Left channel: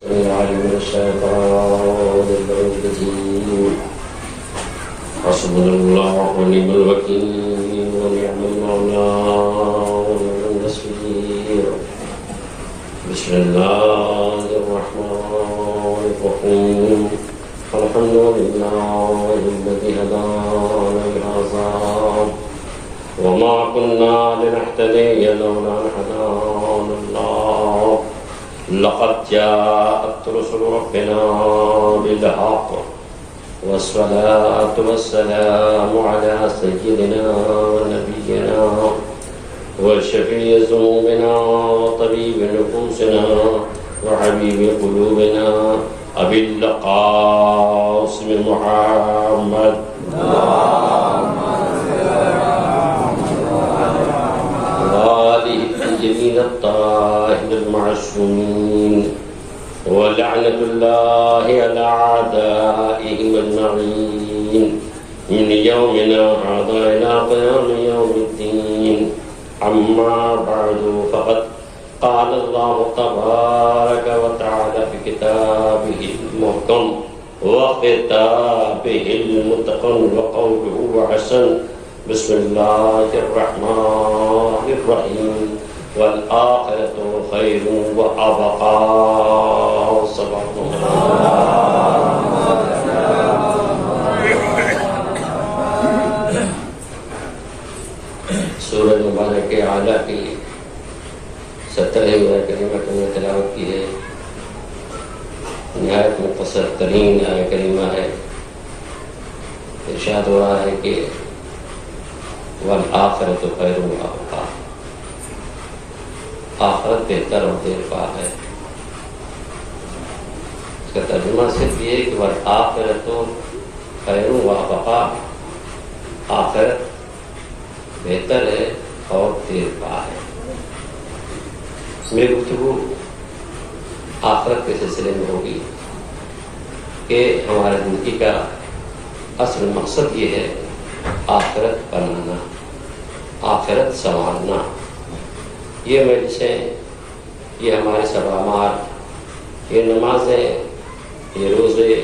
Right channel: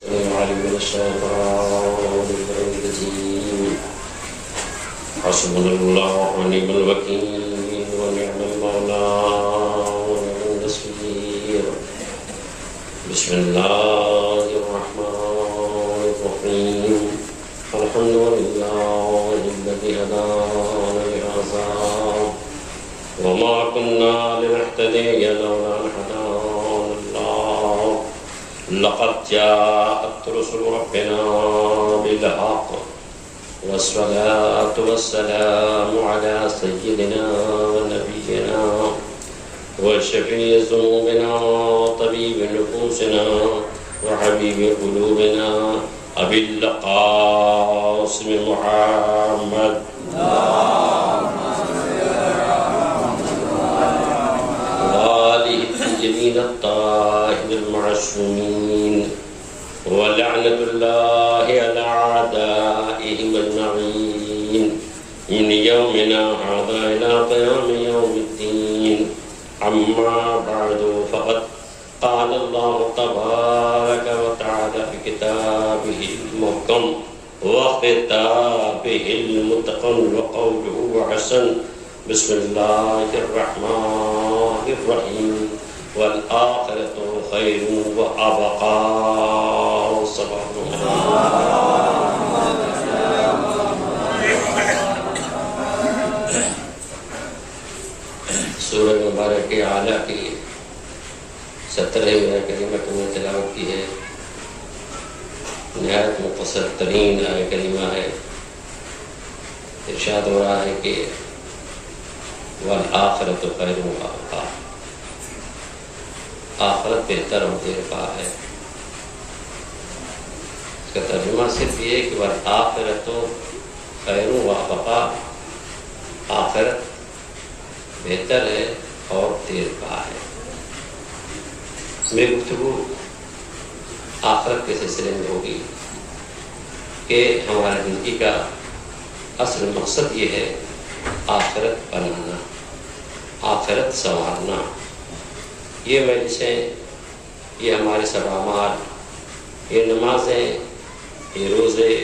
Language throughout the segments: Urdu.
من الشيطان الرجيم. حسبنا الله ونعم الوكيل ونعم المولى ونعم النصير. بسم الله الرحمن الرحيم. الحمد لله الذي هدانا لهذا وما كنا لنهتدي لولا أن هدانا الله. لقد جاءت رسل ربنا بالحق والصلاة والسلام على سيدنا ونبينا وشفيع ذنوبنا وطبيب نفوسنا وحبيب قلوبنا أبي القاسم محمد وآله الطيبين الطاهرين المعصومين ولعنة الله على أعدائهم أجمعين من يومنا هذا إلى قيام يوم الدين. أما بعد فقد قال الله تبارك وتعالى في كتابه المحكم وخطابه المتقن وقوله وحسن. بسم الله الرحمن الرحيم. والآخرة خير وأبقى. صدق سورہ مبارک اعلیٰ کی 17ویں کلمہ کی تلاوت کی ہے. نہایت مختصر ترین آیہ کریمہ ہے. ارشاد ہو رہا ہے کہ والآخرۃ خیر وابقیٰ. آخرت بہتر اور دیر پا ہے. اس کا ترجمہ صرف یہ کہ والآخرۃ خیر وابقیٰ. آخرت بہتر ہے اور دیر پا ہے. میری گفتگو آخرت کے سلسلے میں ہوگی کہ ہمارے زندگی کا اصل مقصد یہ ہے آخرت بنانا، آخرت سنوارنا. یہ مجلسیں، یہ ہمارے سب اعمال، یہ نمازیں، یہ روزے،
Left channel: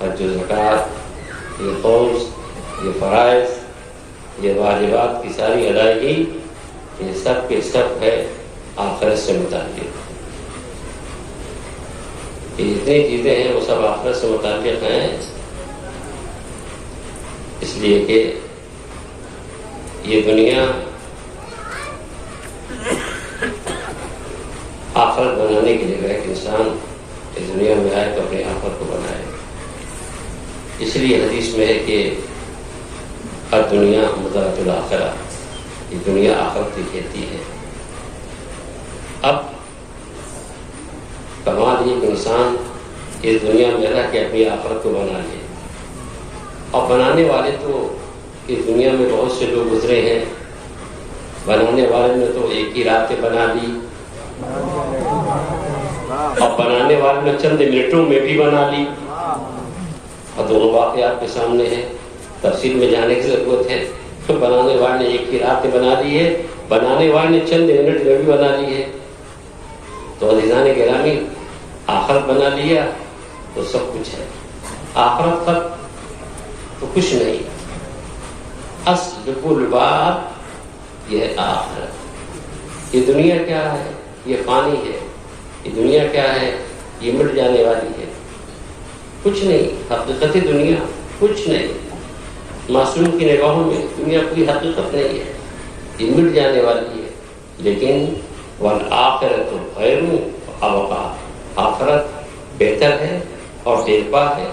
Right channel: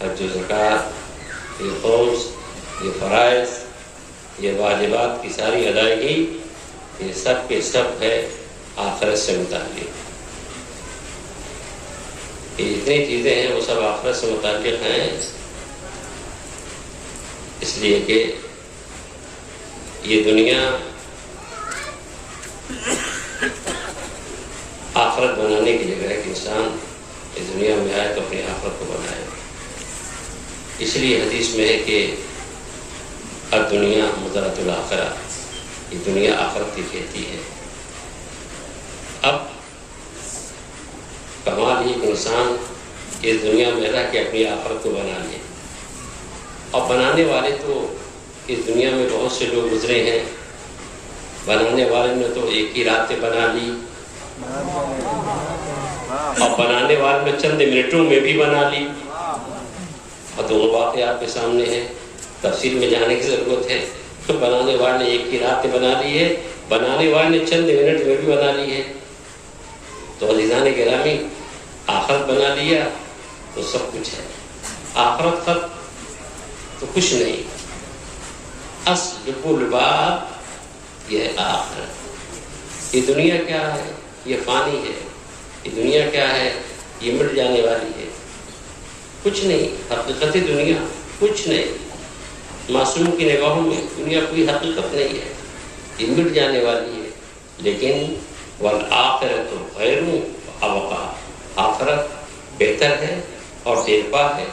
حج و زکوٰۃ، یہ خمس، یہ فرائض، یہ واجبات کی ساری ادائیگی، یہ سب کے سب ہے آخرت سے متعلق. یہ جتنی چیزیں ہیں وہ سب آخرت سے متعلق ہیں، اس لیے کہ یہ دنیا آخرت بنانے کی جگہ ہے کہ انسان اس دنیا میں آئے تو اپنی آخرت کو بنائے. اس لیے حدیث میں ہے کہ الدنیا مزرعۃ الآخرہ. یہ دنیا آخرت کی کھیتی ہے. اب کمال یہ کہ انسان اس دنیا میں رہ کے اپنی آخرت کو بنا لے. اور بنانے والے تو اس دنیا میں بہت سے لوگ گزرے ہیں. بنانے والے نے تو ایک ہی رات بنا لی، اور بنانے والے نے چند منٹوں میں بھی بنا لی. اور دونوں واقعات کے سامنے ہیں. تفصیل میں جانے کی ضرورت ہے. بنانے والے نے ایک ہی رات بنا لی ہے، بنانے والے نے چند منٹ میں بھی بنا لی ہے. تو عزیزان گرامی، آخرت بنا لیا تو سب کچھ ہے. آخرت خط تو کچھ نہیں. اصل کل بات یہ ہے آخرت. یہ دنیا کیا ہے؟ یہ فانی ہے. یہ دنیا کیا ہے؟ یہ مٹ جانے والی ہے. کچھ نہیں. حقیقت دنیا کچھ نہیں. معصوم کی نگاہوں میں دنیا کوئی حقیقت نہیں ہے. یہ مٹ جانے والی ہے. لیکن والآخرۃ خیر وابقیٰ. آخرت بہتر ہے اور دیر پا ہے.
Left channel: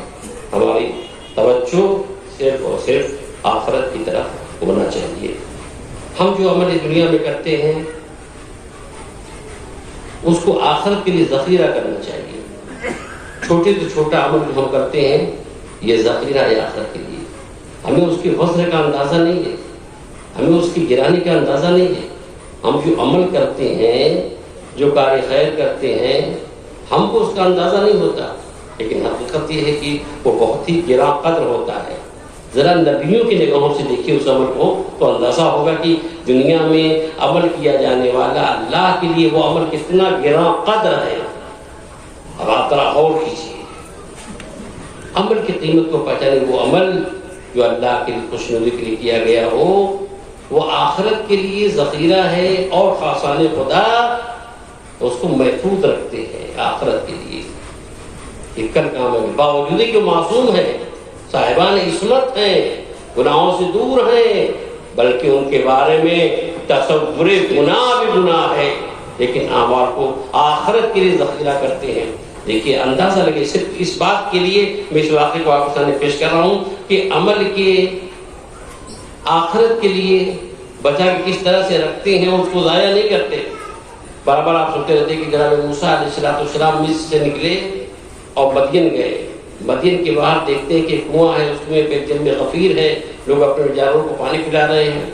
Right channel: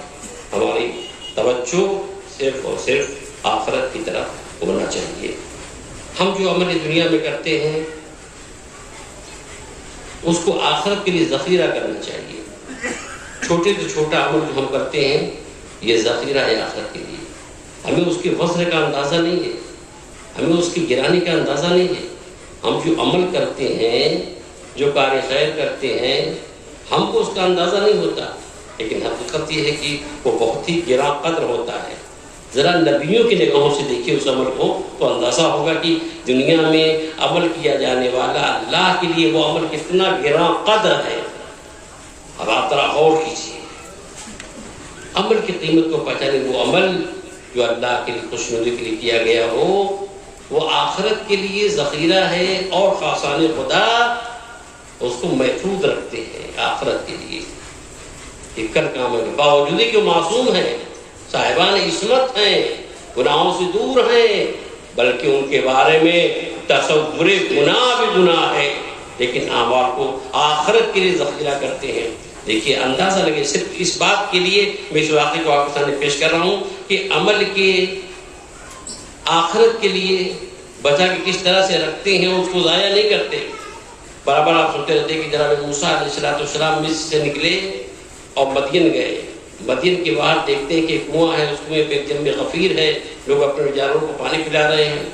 ہماری توجہ صرف اور صرف آخرت کی طرف ہونا چاہیے. ہم جو عمل دنیا میں کرتے ہیں اس کو آخرت کے لیے ذخیرہ کرنا چاہیے. چھوٹے سے چھوٹا عمل جو ہم کرتے ہیں یہ ذخیرہ ہے آخرت کے لیے. ہمیں اس کے وزن کا اندازہ نہیں ہے، ہمیں اس کی گرانی کا اندازہ نہیں ہے. ہم جو عمل کرتے ہیں، جو کار خیر کرتے ہیں، ہم کو اس کا اندازہ نہیں ہوتا. لیکن حقیقت یہ ہے کہ وہ بہت ہی گراں قدر ہوتا ہے. ذرا نبیوں کی نگاہوں سے دیکھیے اس عمل کو تو اندازہ ہوگا کہ دنیا میں عمل کیا جانے والا اللہ کے لیے وہ عمل کتنا گراں قدر ہے. اب آپ ذرا غور کیجیے. عمل کی قیمت کو پہچانے. وہ عمل جو اللہ کے لیے خوشنودی کے لیے کیا گیا ہو وہ آخرت کے لیے ذخیرہ ہے, اور خاصان خدا اس کو محفوظ رکھتے ہیں آخرت کے لیے. یہ کل کام ہے, باوجود کہ معصوم ہیں, صاحبان عصمت ہیں, گناہوں سے دور ہیں, بلکہ ان کے بارے میں تصور گناہ بھی گناہ ہے, لیکن اعمال کو آخرت کے لیے ذخیرہ کرتے ہیں. دیکھیے اندازہ لگے, صرف اس بات کے لیے میں اس واقعے کو آپ کے سامنے پیش کر رہا ہوں کہ عمل کے آخرت کے لیے بچا کے کس طرح سے رکھتے ہیں, اس کو ضائع نہیں کرتے. برابر آپ سنتے رہتے کہ جناب موسیٰ علیہ السلام مصر سے نکلے اور مدین گئے. مدین کے باہر دیکھتے ہیں کہ کنواں ہے, اس میں ایک جن میں غفیر ہے, لوگ اپنے جانوروں کو پانی پلا رہے ہیں.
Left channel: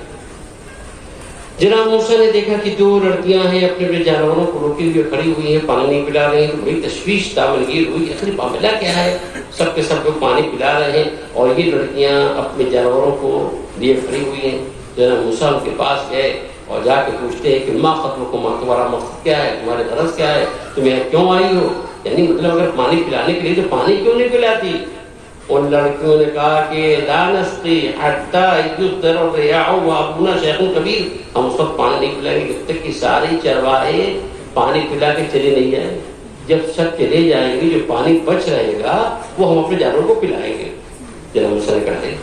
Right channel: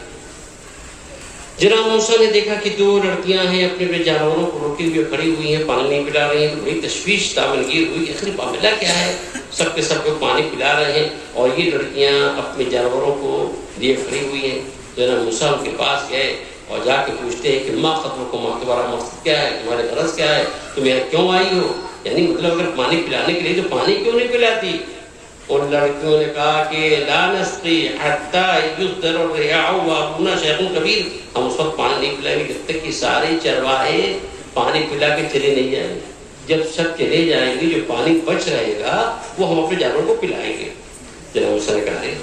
جناب موسیٰ نے دیکھا کہ دو لڑکیاں ہیں اپنے جانوروں کو روکے ہوئے کھڑی ہوئی ہیں, پانی نہیں پلا رہی ہیں. تو بڑی تشویش دامنگیر ہوئی, آخر معاملہ کیا ہے؟ سب کے سب لوگ پانی پلا رہے ہیں اور یہ لڑکیاں اپنے جانوروں کو لیے کھڑی ہوئی ہیں. جناب موسیٰ ان کے پاس گئے اور جا کے پوچھتے ہیں کہ ماں خطر کو, ماں تمہارا مقصد کیا ہے, تمہارے غرض کیا ہے, تمہیں کیوں آئی ہو؟ یعنی مطلب اگر پانی پلانے کے لیے تو پانی کیوں نہیں پلاتی؟ ان لڑکیوں نے کہا کہ لا نسقی حتی یصدر الرعاء وابونا شیخ کبیر, ہم اس وقت پانی نہیں پلائیں گے جب تک کہ سارے چرواہے پانی پلا کے چلے نہیں جائیں. جب سب چلے جائیں گے جو پانی بچ رہے گا وہ ہم اپنے جانوروں کو پلائیں گے. جناب موسیٰ نے کہا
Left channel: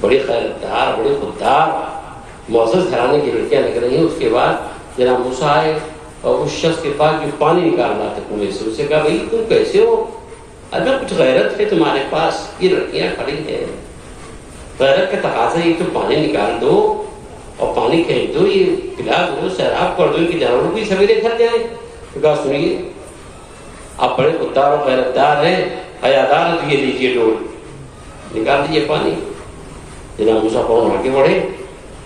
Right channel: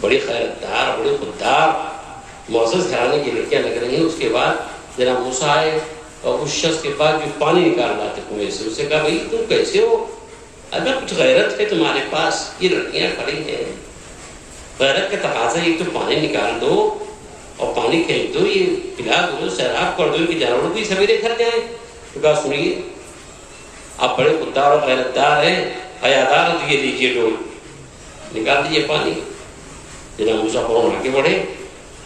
بڑے خیرتدار, بڑے خوددار, معزز گھرانے کی لڑکیاں لگ رہی ہیں. اس کے بعد جناب موسیٰ آئے اور اس شخص کے پاس جو پانی نکال رہا تھا کنویں سے, اسے کہا بھائی تم کیسے ہو, اگر کچھ غیرت ہے تمہارے پاس, یہ لڑکیاں کھڑی ہیں, غیرت کا تقاضا یہ تو پانی نکال دو اور پانی کھینچ دو, یہ پلا دو, سیراب کر دو کہ جانوروں کو سویرے گھر جائیں. تو کہا سنیے آپ بڑے خوددار اور غیرتدار ہیں, حیادار ہیں, تو یہ لیجیے ڈول, نکال دیجیے پانی. جناب موسیٰ فوراً آگے بڑھے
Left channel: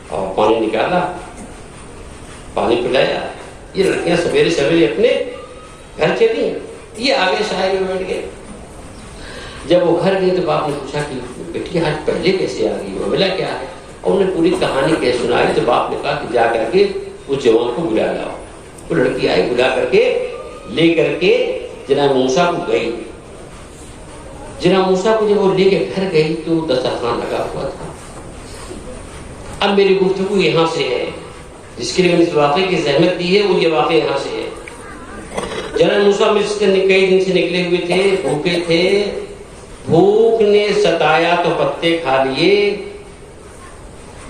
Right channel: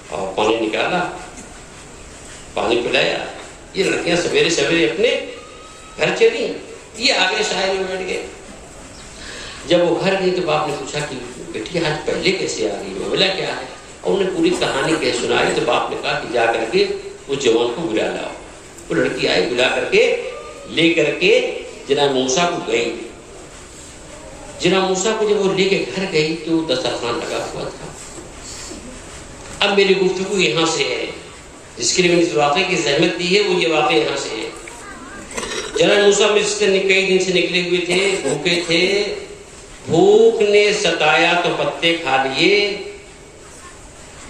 اور پانی نکالا, پانی پلایا. یہ لڑکیاں سویرے سویرے اپنے گھر چلی ہیں. یہ آگے شاعر میں بیٹھ گئے. جب وہ گھر گئی تو باپ نے پوچھا کہ بیٹی آج پہلے کیسے آ گئی, معاملہ کیا ہے؟ اور انہیں پوری کہانی کیسے سنائی. تو باپ نے کہا کہ جا کر کے اس جوان کو بلا لاؤ. وہ لڑکی آئی, بلا کر کے لے کر کے جناب موسیٰ کو گئی. جناب موسیٰ کو جب وہ لے کے گھر گئی تو دسترخوان لگا ہوا تھا. اب میری گفتگو یہاں سے ہے, جس کے لیے میں نے اس واقعے کی زحمت دی ہے وہ یہ واقعہ یہاں سے ہے. جناب موسیٰ مصر سے کئی دن سے نکلے ہوئے تھے, بھوکے تھے, بھوک نے ستایا تو پتے کھا لیے.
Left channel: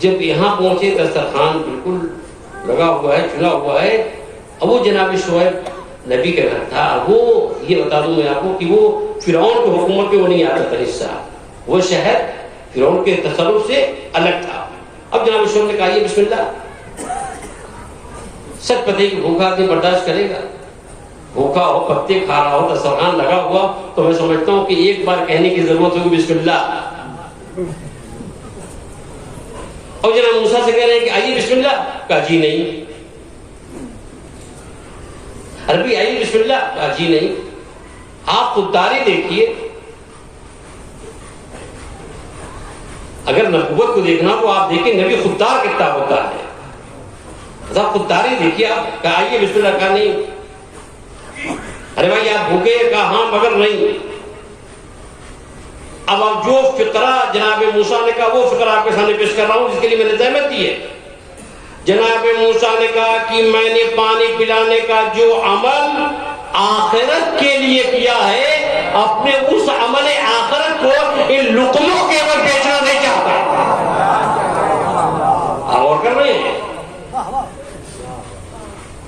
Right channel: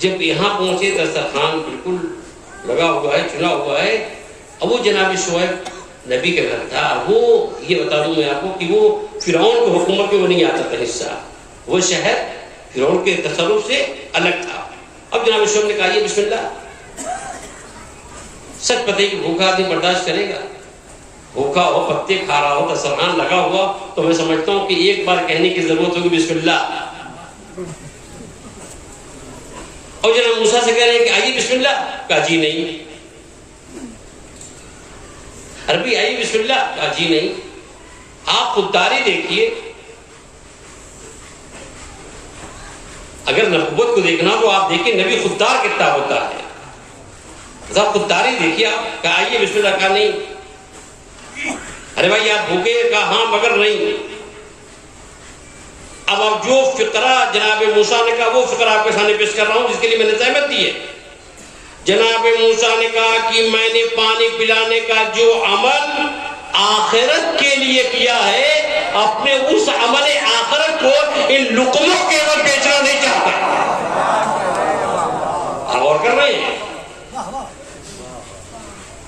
جب یہاں پہنچے دسترخوان بالکل لگا ہوا ہے, چنا ہوا ہے. اب وہ جناب شعیب نبی کا گھر تھا. وہ یہ بتا دوں میں آپ کو کہ وہ فرعون کی حکومت میں وہ نہیں آتا تھا حصہ, وہ شہر فرعون کے تصرف سے الگ تھا. اب جناب شعیب نے کہا یہ بسم اللہ. سچ پتے کہ بھوکا آدمی برداشت کرے گا, بھوکا ہو, پتے کھا رہا ہو, دسترخوان لگا ہوا, تو میں سمجھتا ہوں کہ ایک بار کہنے کی ضرورت ہوگی بسم اللہ. اور جناب موسیٰ سے کہہ رہے ہیں کہ آئیے بسم اللہ. کہا جی نہیں. عربی آئیے بسم اللہ. کہا جی نہیں. آپ خودداری دیکھیے, اگر نبوت کو دیکھنا تو آپ دیکھیں نبی خوددار کتنا ہوتا ہے. خودداری دیکھیے آپ. کہا آئیے بسم اللہ. کہا نہیں. ارے بھائی آپ بھوکے؟ کہا ہاں مگر نہیں. اب آپ جو فقرہ جناب موسیٰ نے کہا وہ فقرہ آپ کے سامنے پیش کر رہا ہوں جس کے لیے میں نے زحمت دی ہے. جناب موسیٰ نے کہا کہ میں نے پانی پلانے کا جو عمل آخرت کے لیے کیا ہے, اپنے اس عمل آخرت کو ان لقموں کے اوپر بیچنا نہیں چاہتا. آپ غور کر رہے ہیں؟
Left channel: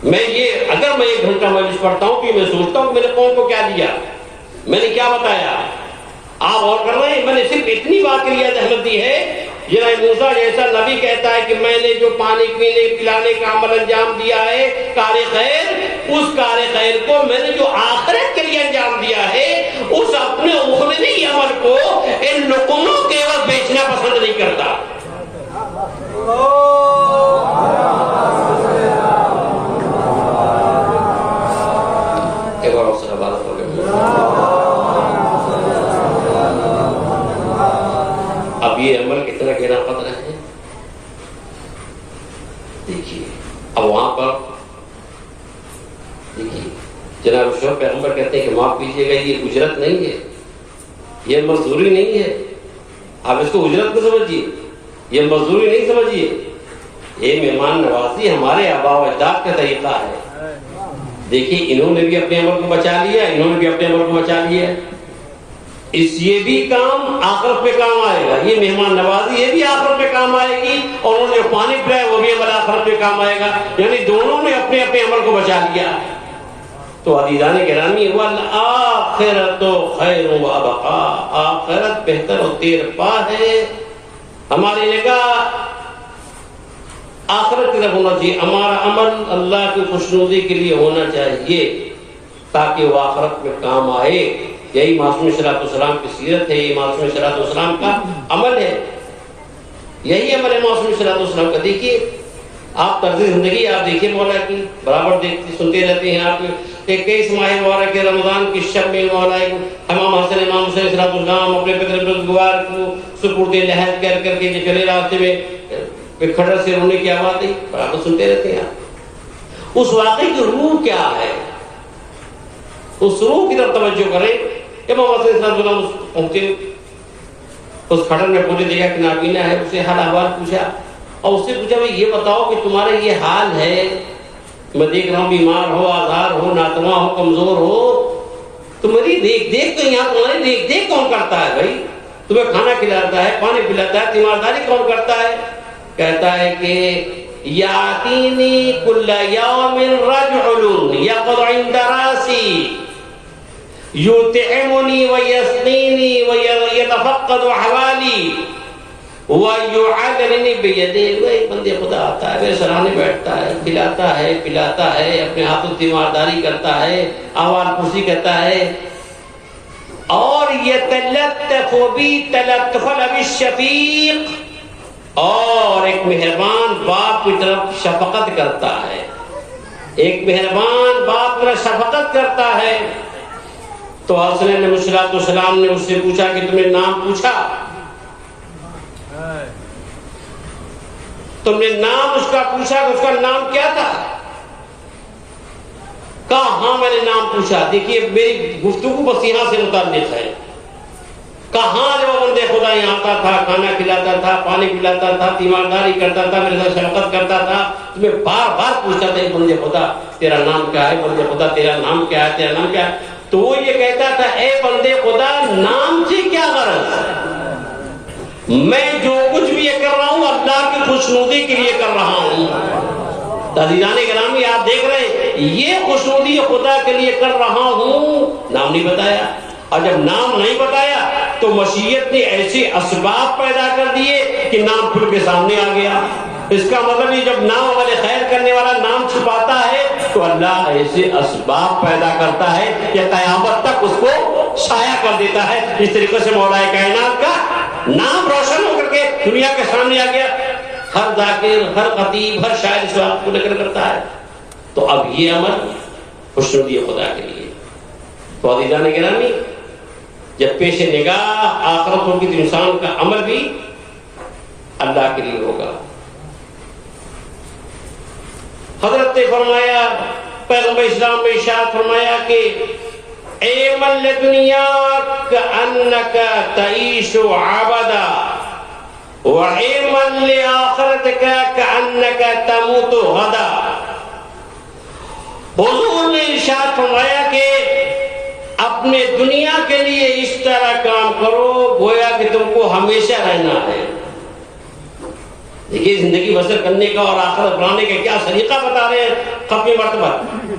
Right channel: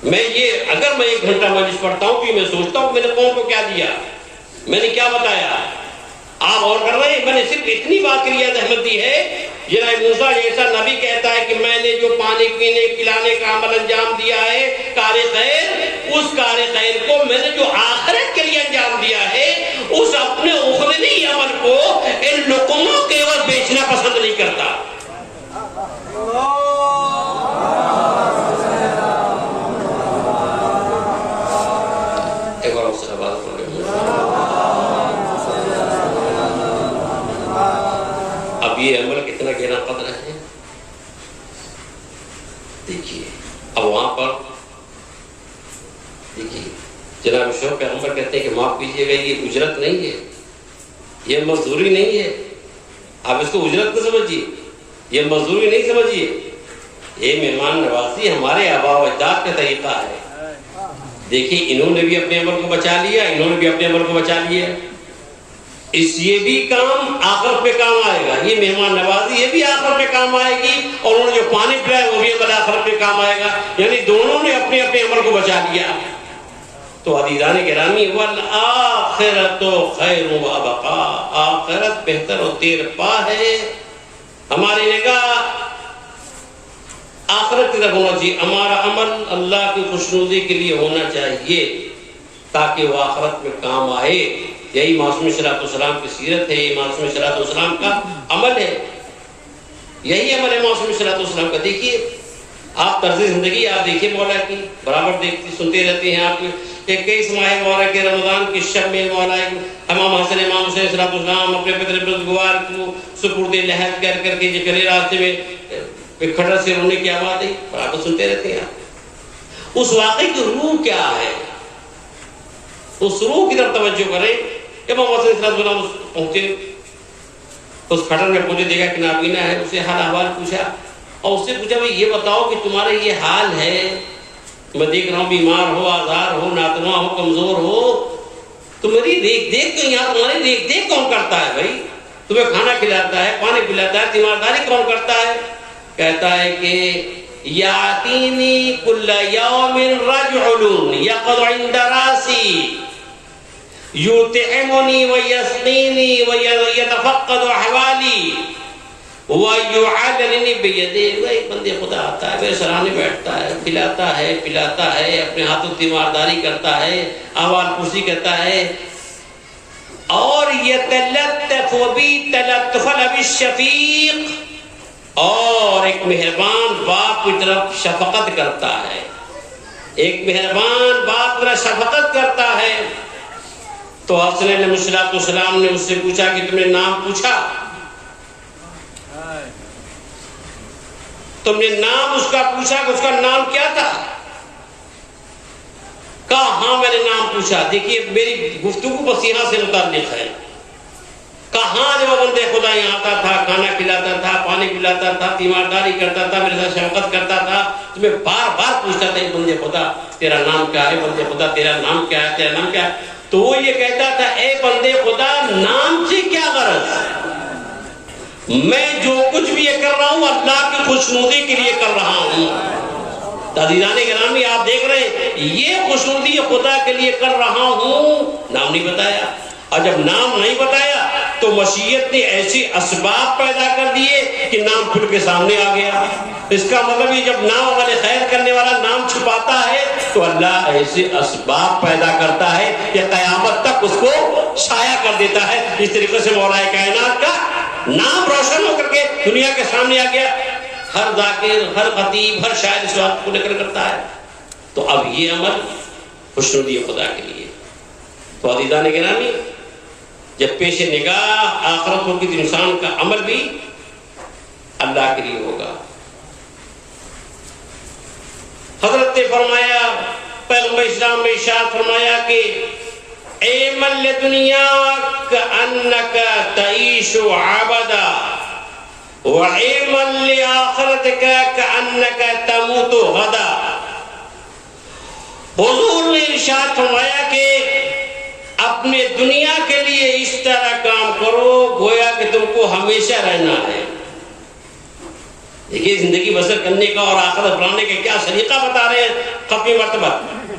میں یہ اگر میں 1 گھنٹہ مجلس پڑھتا ہوں تو میں سوچتا ہوں کہ میں نے قوم کو کیا دیا, میں نے کیا بتایا. آپ غور کر رہے ہیں؟ میں نے صرف اتنی بات کے لیے زحمت دی ہے. جناب موسیٰ جیسا نبی کہتا ہے کہ میں نے جو پانی پینے پلانے کا عمل انجام دیا ہے کار خیر, اس کار خیر کو میں نے جو آخرت کے لیے انجام دیا ہے اس اپنے اخروی عمل کو ان لقموں کے اوپر بیچنا پسند نہیں کرتا. اب یہ عمل کتنا گہرا قدر ہے دیکھیے. اب وہاں پر دیکھیے جناب شعیب پیغمبر کہتے ہیں کہ معاف کیجیے گا یہ اجرت نہیں ہے, یہ مزدوری نہیں ہے. آپ اس کو اجرت نہ سمجھیے, یہ مزدوری نہیں سمجھیے, یہ مہمان نوازی ہمارے آباء و اجداد کا طریقہ ہے. دیکھیے انہوں نے بھی اپنے عمل کو بچا لیا, انہوں نے بھی اپنے عمل کو بچا لیا. یہ بھی کام آخرت پہ کام آئے گا, یہ مہمان نوازی یہ بھی آخرت پہ کام آئے گی, اور انہوں نے جو پانی پلایا وہ بھی عمل آخرت پہ کام آئے گا. یعنی دونوں نے اپنے اپنے عمل کو بچا لیا. تو عزیزان گرامی, والآخرۃ خیر و ابقا, آخرت بہتر و دیر پا ہے. ہماری نگاہ آخرت کی طرف ہونا چاہیے, ہمارا عمل اللہ کی خوشنودی کے لیے ہونا چاہیے تاکہ وہ آخرت میں کام آئے. یہی معصوم صلوات والسلام کی سیرت ہے, یہی معصوم صلوات والسلام کا عمل ہے, یہی عمل ہے معصوم صلوات والسلام کا. دیکھیے آپ طرز زندگی آپ دیکھیے مولا کی, برابر دیکھتے سنتے رہتے ہیں آپ کہ کئی ماہ مبارک کے رمضان کی شب میں مولا امام حسن امام حسین صلوات والسلام اپنے پروردگار کو سپرد لحد کر کے جو چلے راستے میں کھڑر سے رونے کی آواز آئی, برابر سنتے رہتے ہیں آپ. اس واقعے کی روح کیا ہے, اس روح کی طرف توجہ کریں. امام حسین صلی اللہ علیہ وسلم پہنچے, اس کھڑر میں پہنچے, دیکھا کہ نابینا ہے, اسے حال احوال پوچھا اور اس سے پوچھا بھائی یہ بتاؤ کہ تمہارا یہ حال ہے, میں دیکھ رہا ہوں بیمار ہو, آزار ہو, ناتواں ہو, کمزور ہو, تمہاری دیکھ دیکھ تو یہاں تمہاری دیکھ دیکھ کون کرتا ہے بھائی, تمہیں کھانا کھلاتا ہے, پانی پلاتا ہے, تیمارداری کون کرتا ہے؟ کہتا ہے کہ یاتینی کل یوم رجل یقعد عند راسی یطعمنی ویسقینی ویتفقد احوالی ویعذرنی بیدہ. ایک بندے خدا آتا ہے, میرے سرانے بیٹھتا ہے, کھلاتا ہے, پلاتا ہے, اپنے ہاتھوں تیمارداری کرتا ہے, احوال پرسی کرتا ہے, اور یتلطف بی تلطف الاب الشفیق, اور ایک مہربان باپ کی طرف شفقت کرتا ہے, ایک مہربان باپ کی طرف شفقت کرتا ہے. تو حسن علیہ السلام نے اس سے پوچھا کہ تم نے نام پوچھا, تم نے نام اس کا پوچھا کہ اس کا نام کیا تھا؟ کہا ہاں میں نے نام پوچھا. دیکھیے میری گفتگو بس یہاں سے متعلق ہے. کہاں جو بندے خدا یہاں آتا تھا, کھانا کھلاتا تھا, پانی پلاتا تھا, تیمارداری کرتا تھا, میرے ساتھ شفقت کرتا تھا, تمہیں بار بار پوچھتا تھا بندے خدا تیرا نام کیا ہے, بندے خدا تیرا نام کیا ہے, تیرا نام کیا ہے. تو وہ یہ کہتا تھا اے بندے خدا نام سے کیا غرض ہے, میں جو کچھ بھی یہ کر رہا ہوں اللہ کی خوشنودی کے لیے کر رہا ہوں. عزیزان گرامی آپ دیکھ رہے ہیں یہ خوشنودی خدا کے لیے کر رہا ہوں, نام نہیں بتایا. اور جب نام نہیں بتایا تو مشیت نے ایسے اسباب پیدا کر دیے کہ نام کھل کے سامنے آ گیا. اس کا مطلب یہ جب نام عمل خیر کرنے والا نام چھپاتا ہے تو اللہ ایسے اسباب پیدا کرتا ہے کہ قیامت تک اس کو شائع کر دیتا ہے. اس طریقے سے مولا کائنات کا نام روشن ہو کر کے دنیا کے سامنے آ گیا. ہر ذاکر, ہر خطیب, ہر شاعر اس بات کو لے کر کرتا ہے. تو اب یہ عمل خوشنودی خدا کے لیے. تو عزیزان گرامی جب پیش نگاہ آخرت ہوگی تو انسان کا عمل بھی اللہ کے لیے ہوگا. حضرت نے فرمایا, پیغمبر اسلام نے ارشاد فرمایا کہ اعمل لدنیاک انک تعیش عبدا واعمل لآخرتک کانک تموت غدا. حضور نے ارشاد فرمایا کہ اپنے دنیا کے لیے اس طرح کام کرو گویا کہ تم کو ہمیشہ رہنا ہے. دیکھیے زندگی بسر کرنے کا اور آخرت بنانے کا کیا سلیقہ بتا رہے ہیں ختم مرتبہ.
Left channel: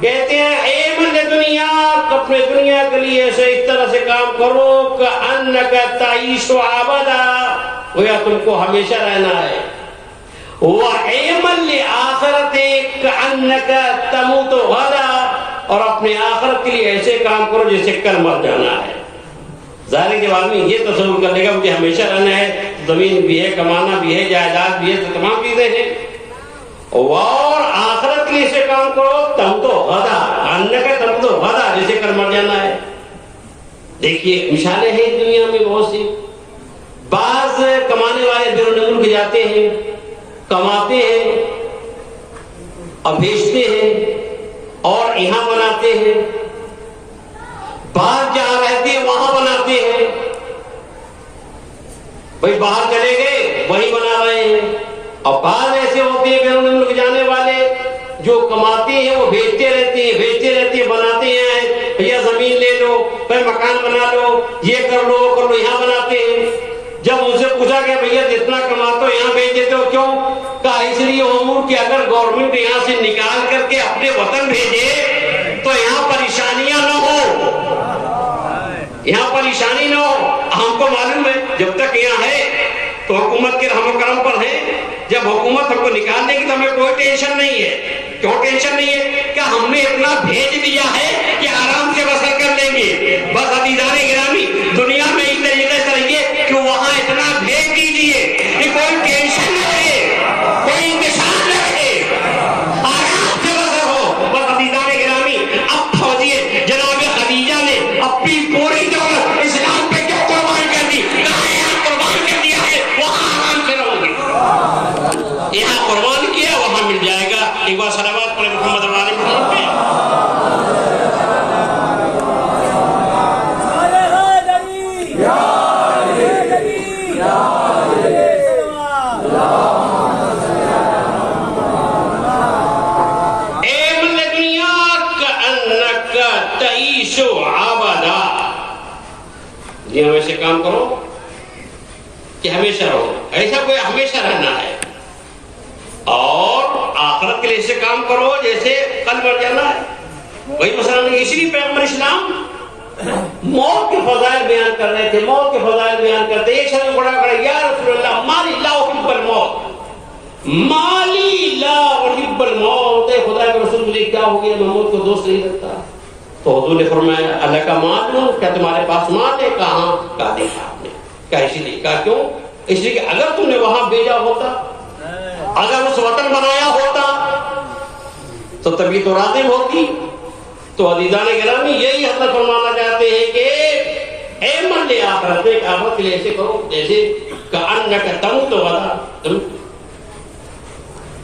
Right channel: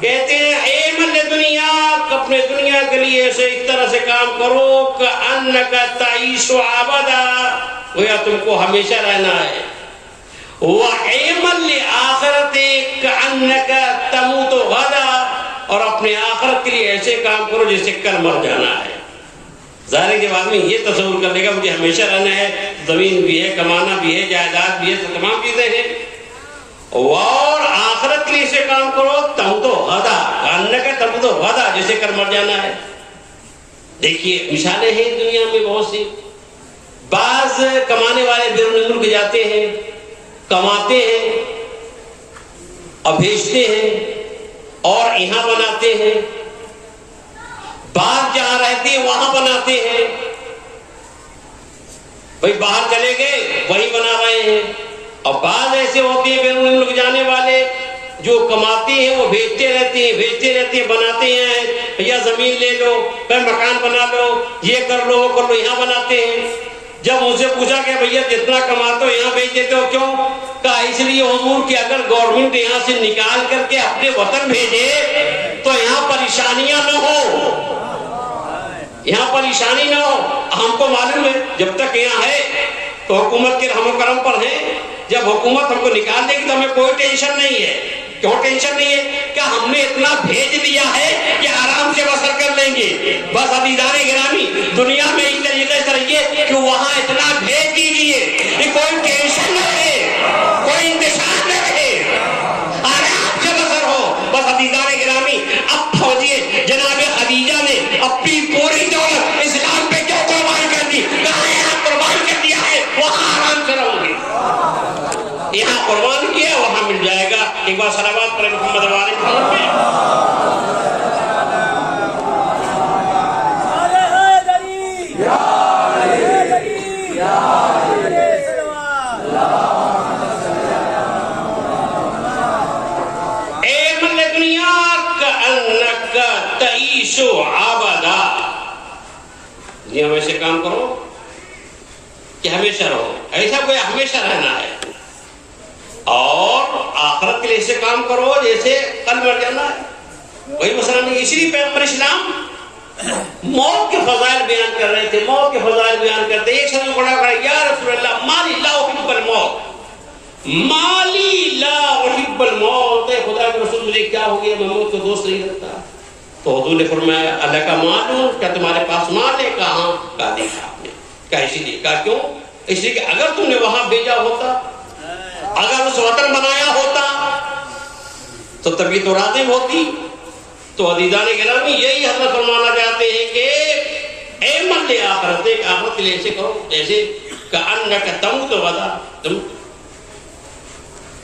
کہتے ہیں اعمل لدنیا, اپنے دنیا کے لیے ایسے اس طرح سے کام کرو کہ انک تعیش ابدا, گویا تم کو ہمیشہ رہنا ہے. واعمل لآخرتک انک تموت غدا, اور اپنے آخرت کے لیے ایسے کام کرو جیسے کل مر جانا ہے. ظاہر کے بعد میں یہ تصور کر لے گا مجھے ہمیشہ رہنا ہے, زمین بھی ہے, کمانا بھی ہے, جائیداد بھی ہے, تو تمام چیزیں ہیں. اور آخرت کے لیے ایسے کام کرو تم تو غدا, آنے کا تم تو غدا, جیسے کل مر جانا ہے. دیکھیے مثالیں ہیں دنیا میں بہت سی. بعض کمانے والے بیرون ملک جاتے ہیں, کماتے ہیں اور بھیجتے ہیں اور یہاں بناتے ہیں. باہر جہاں رہتے ہیں وہاں بناتے ہیں. بھائی باہر چلے گئے وہی بنا رہے ہیں. اور بعض ایسے ہوتے ہیں بیرون ملک جانے والے جو کماتے ہیں وہ بیچتے رہتے ہیں بناتے ہیں. بھیا زمین لے لو, پھر مکان بنا لو, یہ کر لو وہ کر لو, یہاں بناتے ہیں. جب ان سے پوچھا کہ بھیا جتنا کماتے ہو یہاں بیچ دیتے ہو, کیوں؟ کہا اس لیے حضور کہ اگر گورنمنٹ یہاں سے نکال کر کے اپنے وطن بھیجے تو یہاں پریشانیاں نہ ہو, یہاں پریشانی نہ ہو. ہم کو معلوم ہے جب تک یہاں ہے تو حکومت کے رحم و کرم پر ہے. جب حکومت ہم کو نکال دے گی تو ہمیں کوئی ٹینشن نہیں ہے. کیوں ٹینشن نہیں ہے؟ کہ ہم نے اتنا بھیج دیا ہے کہ آرام سے بسر کر لیں گے. بس عزیزان گرامی, دنیا میں اس طریقے سے رہیے کہ وہاں اتنا بھیج دیجیے کہ کوئی ٹینشن نہ رہے, کوئی انتشار نہ رہے, آرام سے بسر ہو. بس عزیزان گرامی, اب فوجیے جناب خدیجہ نے اپنی پوری دولت اسلام پہ کیوں قربان کر دی؟ کہاں یہاں قربان کر دیا ہے, وہاں آرام سے رہو گے. یہاں قربان کیا وہاں مل جائے گا. ایک بار صلوات پڑھیں محمد وآل محمد پہ. اے من دنیا کأنک تعیش عبدا, یہ ہمیشہ کام کرو کہ ہمیشہ رہو, ایسا کوئی ہمیشہ رہنا ہے. اور آخرت کے لیے سے کام کرو جیسے کل مر جانا ہے. وہی مثلا اسی لیے پیغمبر اسلام موت کے فضائل بیان کر رہے تھے, موت کے فضائل بیان کرتے. ایک شخص بڑا کہا یا رسول اللہ مالی لا احب الموت, مالی لا احب الموت, خدا کے رسول مجھے کیا ہو گیا, میں موت کو دوست نہیں رکھتا. تو حضور نے فرمایا اللہ کا مال ہوں, کیا تمہارے پاس مال ہے؟ کہاں؟ کہا دیکھا آپ نے. کہا اسی لیے. کہا کیوں؟ اس لیے کہ اگر تم نے وہاں بھیجا ہوتا, اگر اس وطن بنایا ہوتا تو طبیعت و راضی ہوتی. تو عزیزان گرامی یہی حضرت فرمانا چاہتے ہیں کہ اے من لے آخرت, ایک آخرت کے لیے ایسے کرو جیسے کأنک تموت غدا, تم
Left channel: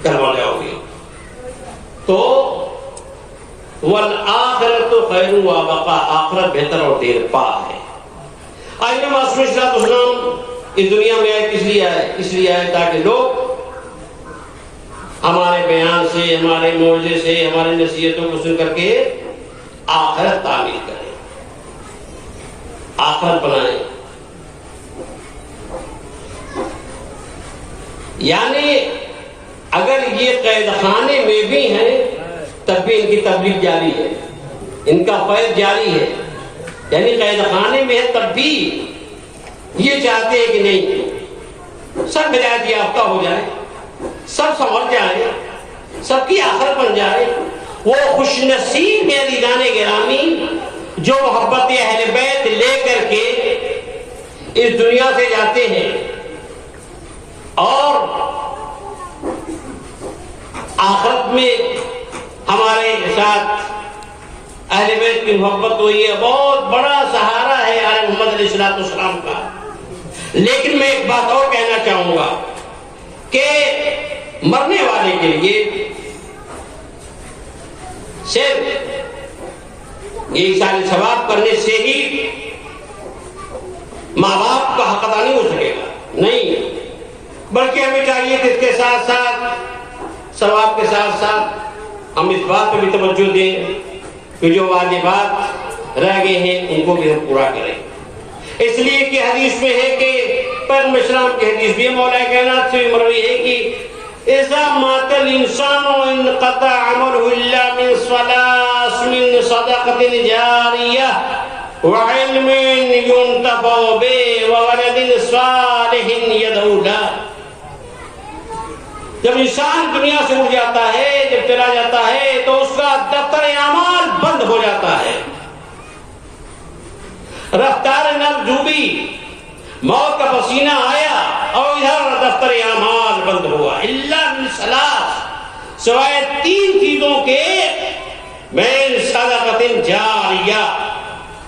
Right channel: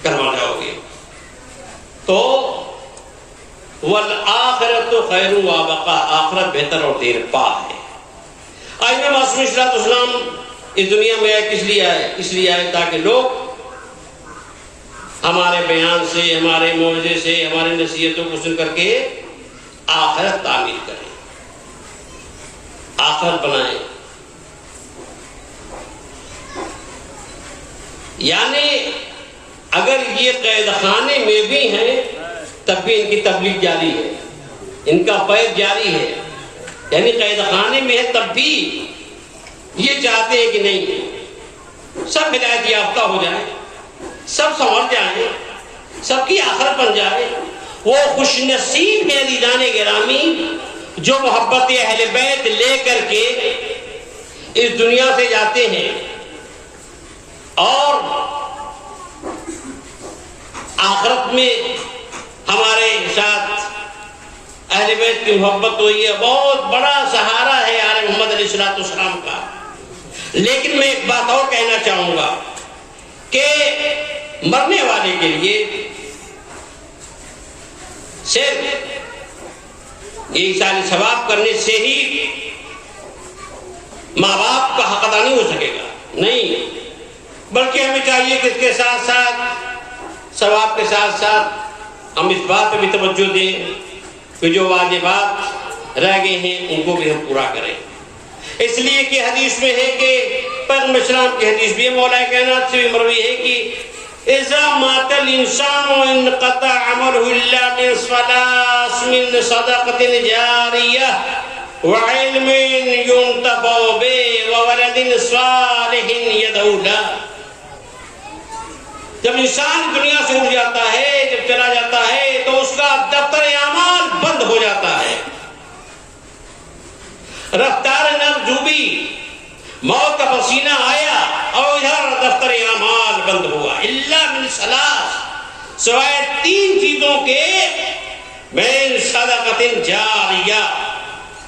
کل مر جاؤ گے. تو والآخرت خیر و بقا, آخرت بہتر اور دیر پا ہے. آئینہ معصوم علیہ السلام اس دنیا میں آئے, کس لیے آئے؟ اس لیے آئے تاکہ لوگ ہمارے بیان سے, ہمارے موعظے سے, ہماری نصیحتوں کو سن کر کے آخرت تعمیر کریں, آخرت بنائیں. یعنی اگر یہ قید خانے میں بھی ہیں تب بھی ان کی تبلیغ جاری ہے, ان کا فیض جاری ہے. یعنی قید خانے میں ہے تب بھی یہ چاہتے ہیں کہ نہیں سب ہدایت یافتہ ہو جائیں, سب سنور جائیں, سب کی آخرت بن جائے. وہ خوش نصیب ہے عزیزان گرامی جو محبت اہل بیت لے کر کے اس دنیا سے جاتے ہیں اور آخرت میں ہمارے ساتھ اہل بیت کی محبت ہو رہی ہے. بہت بڑا سہارا ہے آل محمد علیہ السلام کا. لیکن میں ایک بات اور کہنا چاہوں گا کہ مرنے والے کے لیے صرف یہ سارے ثواب کرنے سے ہی ماں باپ کا حق ادا نہیں ہو سکے گا, نہیں, بلکہ ہمیں چاہیے کہ اس کے ساتھ ساتھ ثواب کے ساتھ ساتھ ہم اس بات پر بھی توجہ دیں کہ جو واجبات رہ گئے ہیں ان کو بھی ہم پورا کریں. اس لیے کہ حدیث میں ہے کہ پیغمبر اسلام کی حدیث بھی مولا کائنات سے بھی مروی ہے کہ اذا مات الانسان انقطع عمله الا من صلاة من صدقة جارية وعلم ينتفع به وولد صالح يدعو له. جب انسان دنیا سے اٹھ جاتا ہے, جب چلا جاتا ہے تو اس کا دفتر اعمال بند ہو جاتا ہے, رفتار نفس ڈوبی, موت کا پسینہ آیا اور ادھر دفتر اعمال بند ہوا. الا من ثلاث, سوائے 3 چیزوں کے, من صدقۃ جاریہ,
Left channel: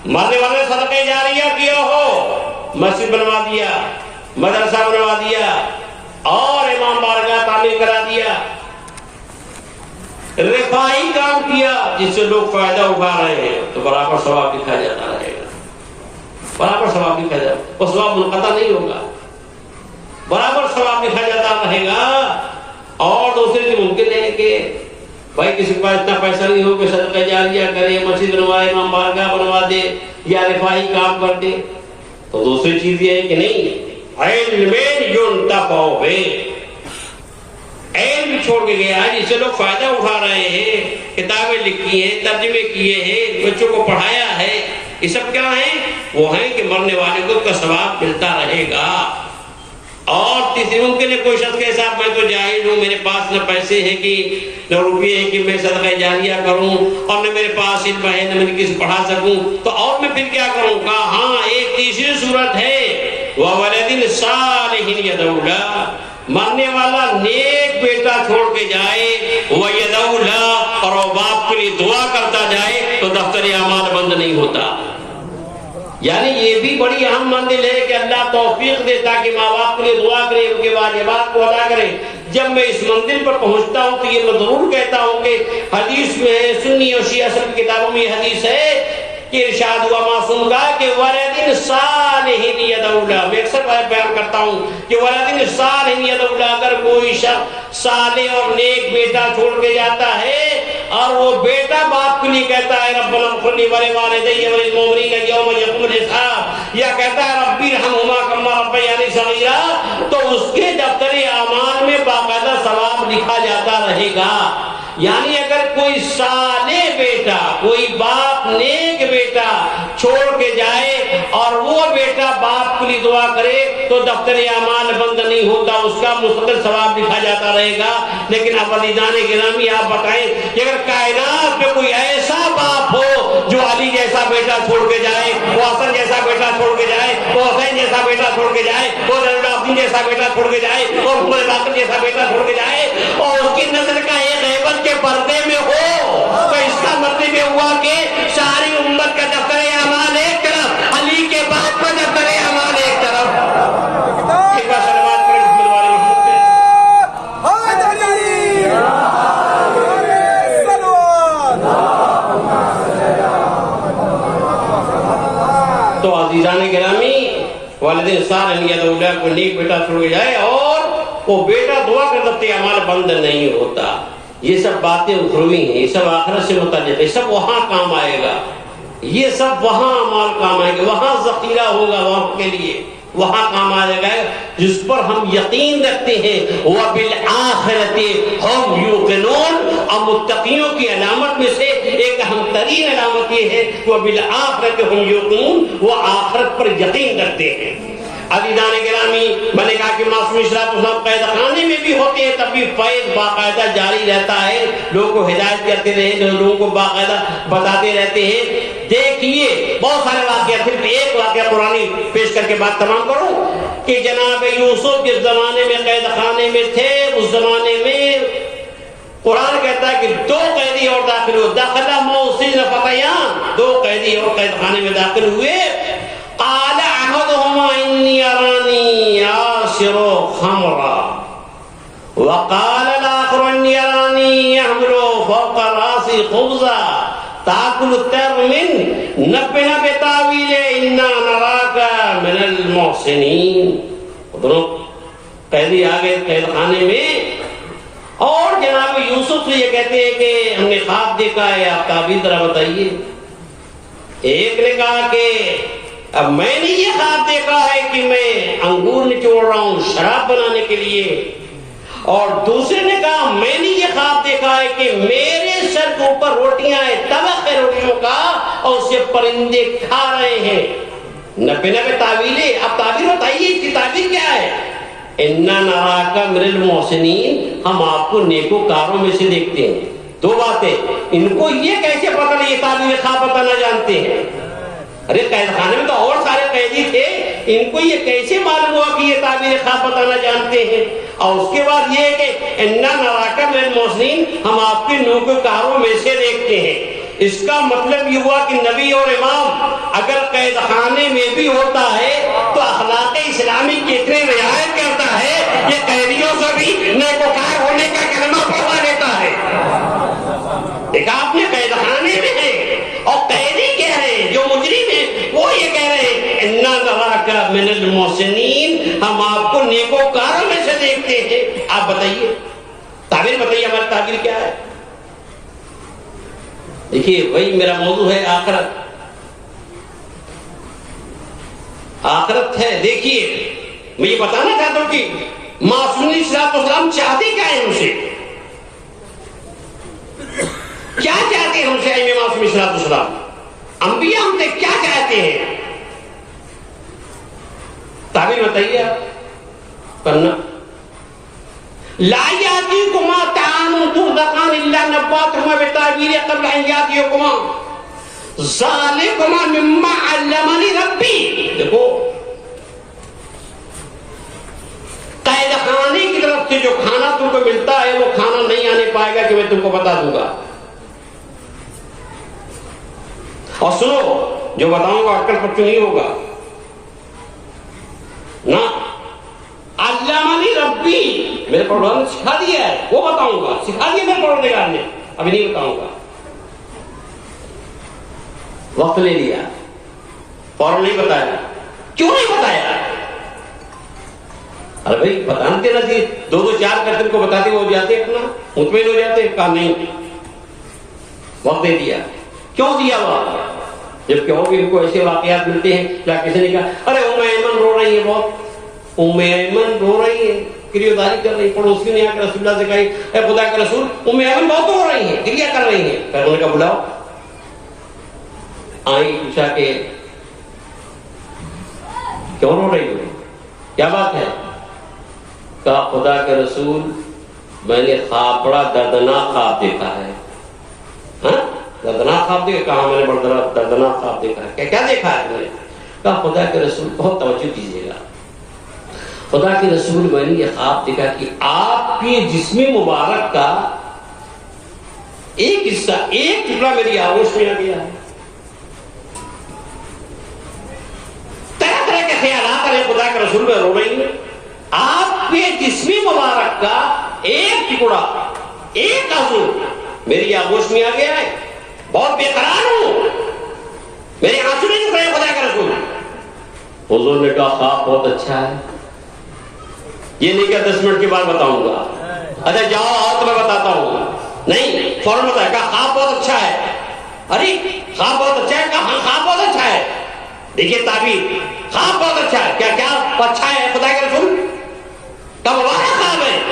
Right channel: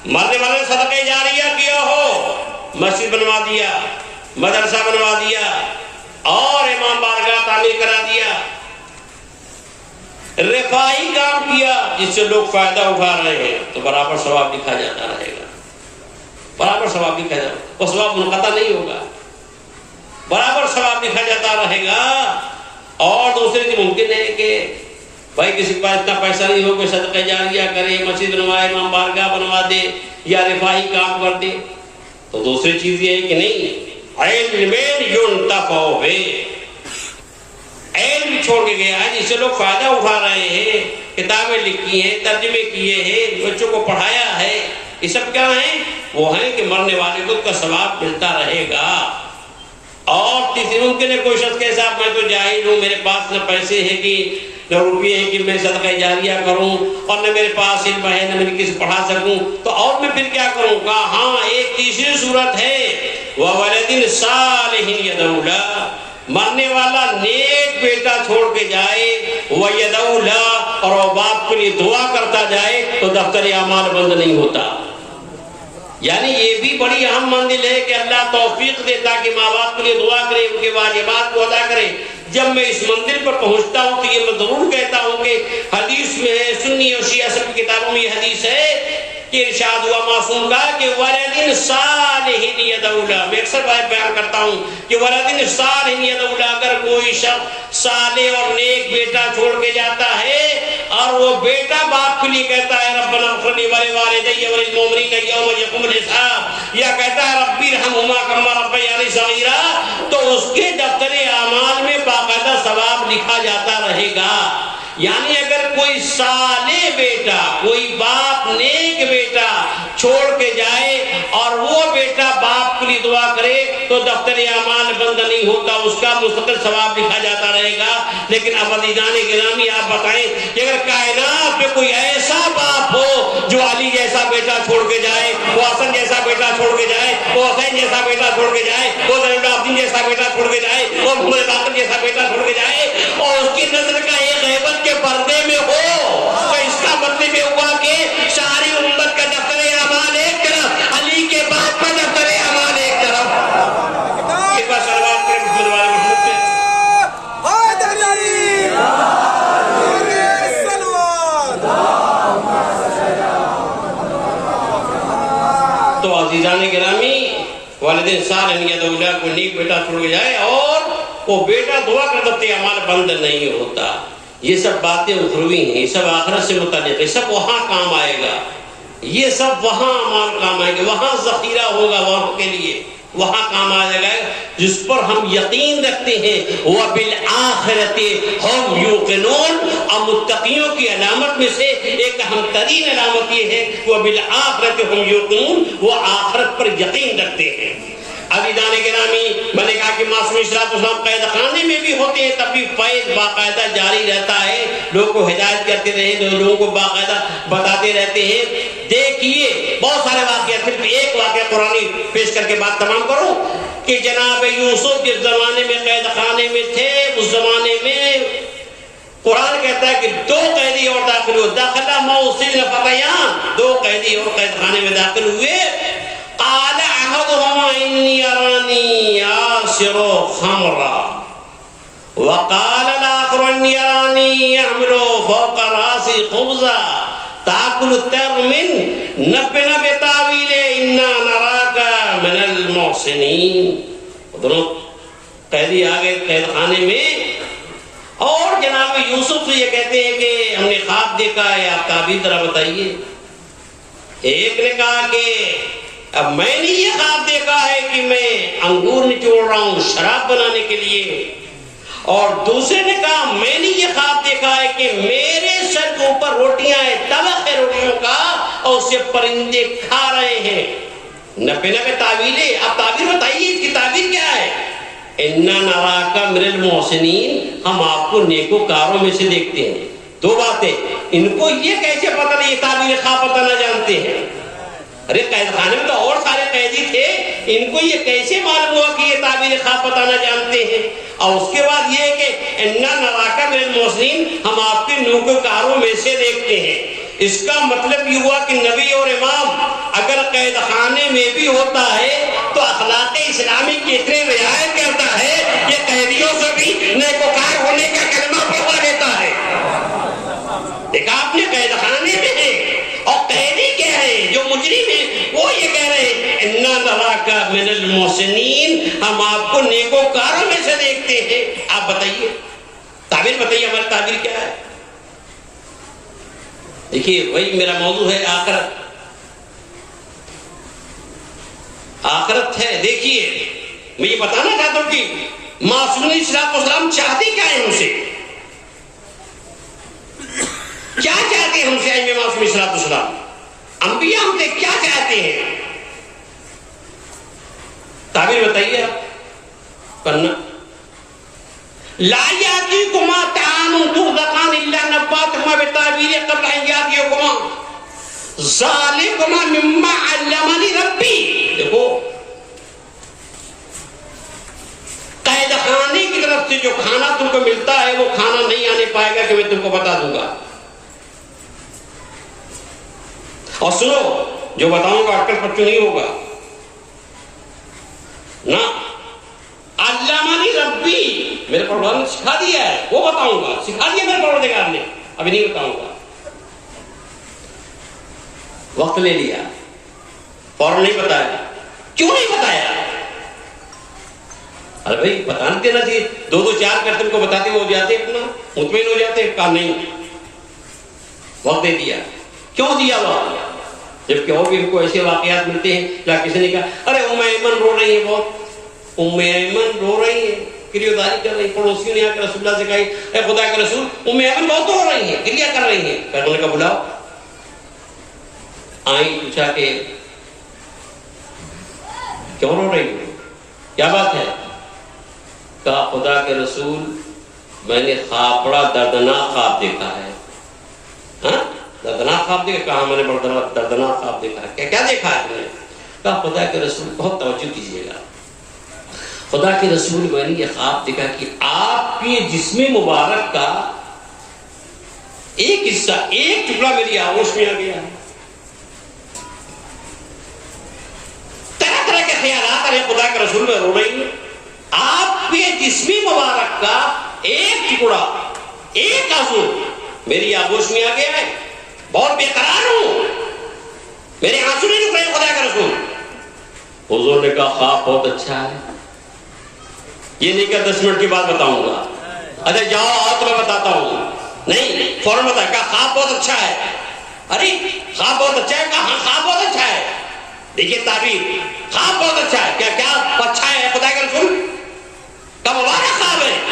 مرنے والے صدقہ جاریہ کیا ہو, مسجد بنوا دیا, مدرسہ بنوا دیا اور امام بارگاہ تعمیر کرا دیا, رفاہی کام کیا جس سے لوگ فائدہ اٹھا رہے ہیں تو برابر ثواب لکھا جاتا ہے. برابر ثواب لکھا جائے، وہ ثواب منقطع نہیں ہوگا، برابر ثواب لکھا جاتا رہے گا۔ اور دوسرے چیز ممکن ہے کہ بھائی کسی کے پاس اتنا پیسہ نہیں ہو کہ صدقہ جاریہ کرے، مسجد بنوائے، امام بارگاہ بنوا دے یا رفاہی کام کر دے، تو دوسری چیز یہ ہے کہ نہیں، علم ينتفع ہے، علم چھوڑ کے گیا ہے جس سے لوگ فائدہ اٹھا رہے ہیں، کتابیں لکھی ہیں، ترجمے کیے ہیں، بچوں کو پڑھایا ہے، یہ سب کیا ہیں؟ وہ ہیں کہ مرنے والے کو کا ثواب ملتا رہے گا۔ اور تیسری ممکن ہے کوئی شخص کے ساتھ میں تو جاہل ہوں، میرے پاس نہ پیسے ہیں کہ نہ روپیے ہیں کہ میں صدقہ جاریہ کروں، اور نہ میرے پاس علم ہے نہ میں کسی پڑھا سکوں، تو اور میں پھر کیا کروں؟ کہا ہاں ایک تیسری صورت ہے، وَوَلَدٍ صَالِحٍ يَدْعُو لَهُ، مرنے والا نیک بیٹا چھوڑ کے جائے، وَيَدْعُو لَهُ، اور وہ باپ کے لیے دعا کرتا جائے، تو دفتر اعمال بند نہیں ہوتا۔ یعنی یہ بھی بڑی اہم منزل ہے کہ اللہ توفیق دے تاکہ ماں باپ کے لیے دعا کرے، ان کے واجبات کو ادا کرے۔ جب میں اس منزل پر پہنچتا ہوں تو یہ میں ضرور کہتا ہوں کہ حدیث میں ہے، سنی اور شیعہ سب کی کتابوں میں یہ حدیث ہے کہ ارشاد ہوا معصوم کا کہ وَلَدٍ صَالِحٍ يَدْعُو لَهُ، میں اکثر بیان کرتا ہوں کہ وَلَدٍ صَالِحٍ يَدْعُو لَهُ، اگر کوئی شخص صالح اور نیک بیٹا چھوڑ کے جاتا ہے اور وہ بیٹا باپ کے لیے کہتا ہے ربنا اغفر لی ولوالدی وللمؤمنین یوم یقوم الحساب، یا کہتا ہے ربی ارحمہما کما ربیانی صغیرا، تو اس کے دفتر اعمال میں باقاعدہ ثواب لکھا جاتا رہے گا۔ یعنی اگر کوئی صالح بیٹا، کوئی باپ نیک بیٹا چھوڑ کے جائے اور وہ بیٹا باپ کے لیے دعا کرے تو دفتر اعمال بند نہیں ہوتا، اس کا مستقل ثواب لکھا جاتا رہے گا۔ لیکن اب عزیزان گرامی آپ بتائیں کہ اگر کائنات میں کوئی ایسا باپ ہو جو علی جیسا بیٹا چھوڑ کے جائے، وہ حسن جیسا بیٹا چھوڑ کے جائے، وہ حسین جیسا بیٹا چھوڑ کے جائے، وہ زین العابدین جیسا بیٹا چھوڑ کے جائے، وہ محمد باقر جیسا بیٹا چھوڑ کے جائے، اور اس کی نظر کا ایک غیبت کے پردے میں ہو، تو اس کا مطلب یہ ہوا کہ ساری امت کا دفتر اعمال ایک طرف، علی کے باپ کا دفتر اعمال ایک طرف۔ ایک بار صلوات کریں محمد والے محمد پہ۔ تو عزیزان گرامی، والدین صالح یدعو لہ، کوئی نیک بیٹا چھوڑ جائے اور وہ بیٹا دعا کر دفتر اعمال بند نہیں ہوتا۔ یہ سب باتیں اخروی ہیں، یہ سب آخرت سے متعلق ہے، سب وہاں کام آئے گا، یہ سب وہاں اعمال کام آئے گا، وہاں ذخیرہ ہوگا وہاں کے لیے، وہاں کام آئے گا جس پر ہم یقین رکھتے ہیں۔ وَبِالْآخِرَةِ هُمْ يُوقِنُونَ، اور متقیوں کی علامت میں سے ایک اہم ترین علامت یہ ہے کہ وَبِالْآخِرَةِ هُمْ يُوقِنُونَ، وہ آخرت پر یقین رکھتے ہیں۔ عزیزان گرامی، میں نے کہا کہ معصوم اشراف اسلام قید خانے میں بھی ہوتے ہیں تب بھی فیض باقاعدہ جاری رہتا ہے، لوگوں کو ہدایت کرتے رہے، لوگوں کو باقاعدہ بتاتے رہتے ہیں۔ دیکھیے بہت سارے واقعات، صرف ایک واقعہ قرآنی پیش کر کے بات تمام کروں کہ جناب یوسف جس زمانے میں قید خانے میں تھے، اس زمانے میں قرآن کہتا ہے کہ 2 قیدی اور داخل ہوئے، داخلہ موصل فتیان، 2 قیدی اور قید خانے میں داخل ہوئے۔ قال احدهما اني اراني اعصر خمرا وقال الاخر اني اراني احمل فوق راسي خبزا تاكل الطير منه نبئنا بتاويله انا نراك من المحسنين۔ دونوں قیدی آ گئے قید خانے میں اور جناب یوسف سے یہ کہتے ہیں کہ ہم نے خواب دیکھا ہے، آپ تعبیر ذرا بتائیے۔ ایک نے کہا کہ اب میں نے یہ خواب دیکھا ہے کہ میں انگور نچوڑ رہا ہوں شراب بنانے کے لیے، اور دوسرے نے کہا میں نے یہ خواب دیکھا ہے کہ میرے سر کے اوپر روٹیاں ہیں، طبق ہے روٹیوں کا، اور اسے پرندے کھا رہے ہیں۔ نبے تعویلیں، اب تعبیر بتائیے اس کی تعبیر کیا ہے؟ انا نراک من المحسنین، ہم آپ کو نیکوکاروں میں سے دیکھتے ہیں۔ 2 باتیں، ان کو یہ کیسے پتہ نہیں، یہ تعبیر خواب پتہ نہ جانتے ہیں؟ ارے قید خانے میں تو اور سارے قیدی تھے، ان کو یہ کیسے معلوم ہوا کہ یہ تعبیر خواب بتانا جانتے ہیں؟ اور اس کے بعد یہ کہ انا نراک من المحسنین، ہم آپ کے نیکوکاروں میں سے دیکھتے ہیں۔ اس کا مطلب یہ ہوا کہ نبی اور امام اگر قید خانے میں بھی ہوتا ہے تو اخلاق اسلامی کی اتنے رعایت کرتا ہے کہ قیدیوں سے بھی نیکوکار ہونے کا کلمہ پڑھوا دیتا ہے۔ ایک آپ نے قید خانے میں ہے اور قیدی کہہ رہے ہیں، جو مجرم ہیں وہ یہ کہہ رہے ہیں اِنَّا نَرَاكَ مِنَ الْمُحْسِنِينَ، ہم آپ کو نیکوکاروں میں سے دیکھتے ہیں. آپ بتائیے، تعبیر بتائیے، ہماری تعبیر کیا ہے؟ دیکھیے وہی میرا موضوع ہے آخرت. آخرت ہے. دیکھیے میں یہ بتانا چاہتا ہوں کہ معصوم علیہ السلام چاہتے کیا ہے ہم سے؟ کیا چاہتے ہیں ہم سے معصوم علیہ السلام؟ انبیاء ہم سے کیا چاہتے ہیں؟ تعبیر بتائیے آپ. پڑھنا. لا یاتیکما طعام ترزقان الا نباتهما بتعبیر قبل ان یاتیکما ذالکما مما علمنی ربی. دیکھو قید خانے کی طرف سے جو کھانا تم کو ملتا ہے وہ کھانا نہیں آنے پائے گا کہ میں تم کو بتا دوں گا. اور سنو جو بتاؤں گا اٹکل پٹو نہیں ہوگا نا. علمنی ربی، میرے پروردگار نے سکھا دیا ہے، وہ بتاؤں گا. سکھا دیا میرے پروردگار نے، ابھی نہیں بتاؤں گا. وقت لے لیا، فوراً نہیں بتایا. کیوں نہیں بتایا؟ ارے بھائی بتانا دینا چاہیے. دو دو چار کرتے ان کو بتاتے ہو جاتے، اپنا مطمئن ہو جاتے. کام نہیں، وقت دے دیا. کیوں دیا وقت؟ جبکہ اور بھی ان کو ایسے واقعات ملتے ہیں جہاں کسی نے کہا ارے ام ایمن رو رہی ہے بہت، ام ایمن رو رہی ہے، کریوداری کر رہی. پڑوسی نے آ کے رسول اللہ سے کہی اے خدا کے رسول ام ایمن بہت رو رہی ہے، کریا کر رہی ہیں. پیغمبر نے کہا بلاؤ. آئی، پوچھا کہ کیوں رو رہی ہو، کیا بات ہے؟ کہا خدا کے رسول میں نے خواب، بڑا دردناک خواب دیکھا ہے. ہاں دردناک خواب دیکھا؟ کہا میں نے بڑا دردناک خواب دیکھا ہے. کیا دیکھا ہے تم نے؟ کہا خدا کے رسول، بہت توجہ دیجیے گا، خدا کے رسول میں نے یہ خواب دیکھا کہ آپ کے جسم مبارک کا ایک حصہ، ایک ٹکڑا میری آغوش میں آ گیا ہے. طرح طرح کے خیالات آ رہے. خدا کے رسول میں رو رہی ہوں، آپ کے جسم مبارک کا ایک ٹکڑا، ایک عضو میری آغوش میں آ گیا ہے. بہت بے قرار ہوں، میرے آنسو نہیں رک رہے. خدا کا رسول. حضور نے کہا خواب بہت اچھا ہے. یہ نہیں کہ 10 منٹ کے بعد بتاؤں گا. اچھا جاؤ اور تو میں بتاتا ہوں. نہیں فوراً بتایا. کہا خواب بہت اچھا ہے. ارے خواب بہت اچھا ہے. کہا ہاں خواب بہت اچھا ہے. دیکھیے تعبیر، خواب بہت اچھا ہے. کیا کیا اچھا ہے خدا کے رسول؟ کہا مبارک خواب ہے.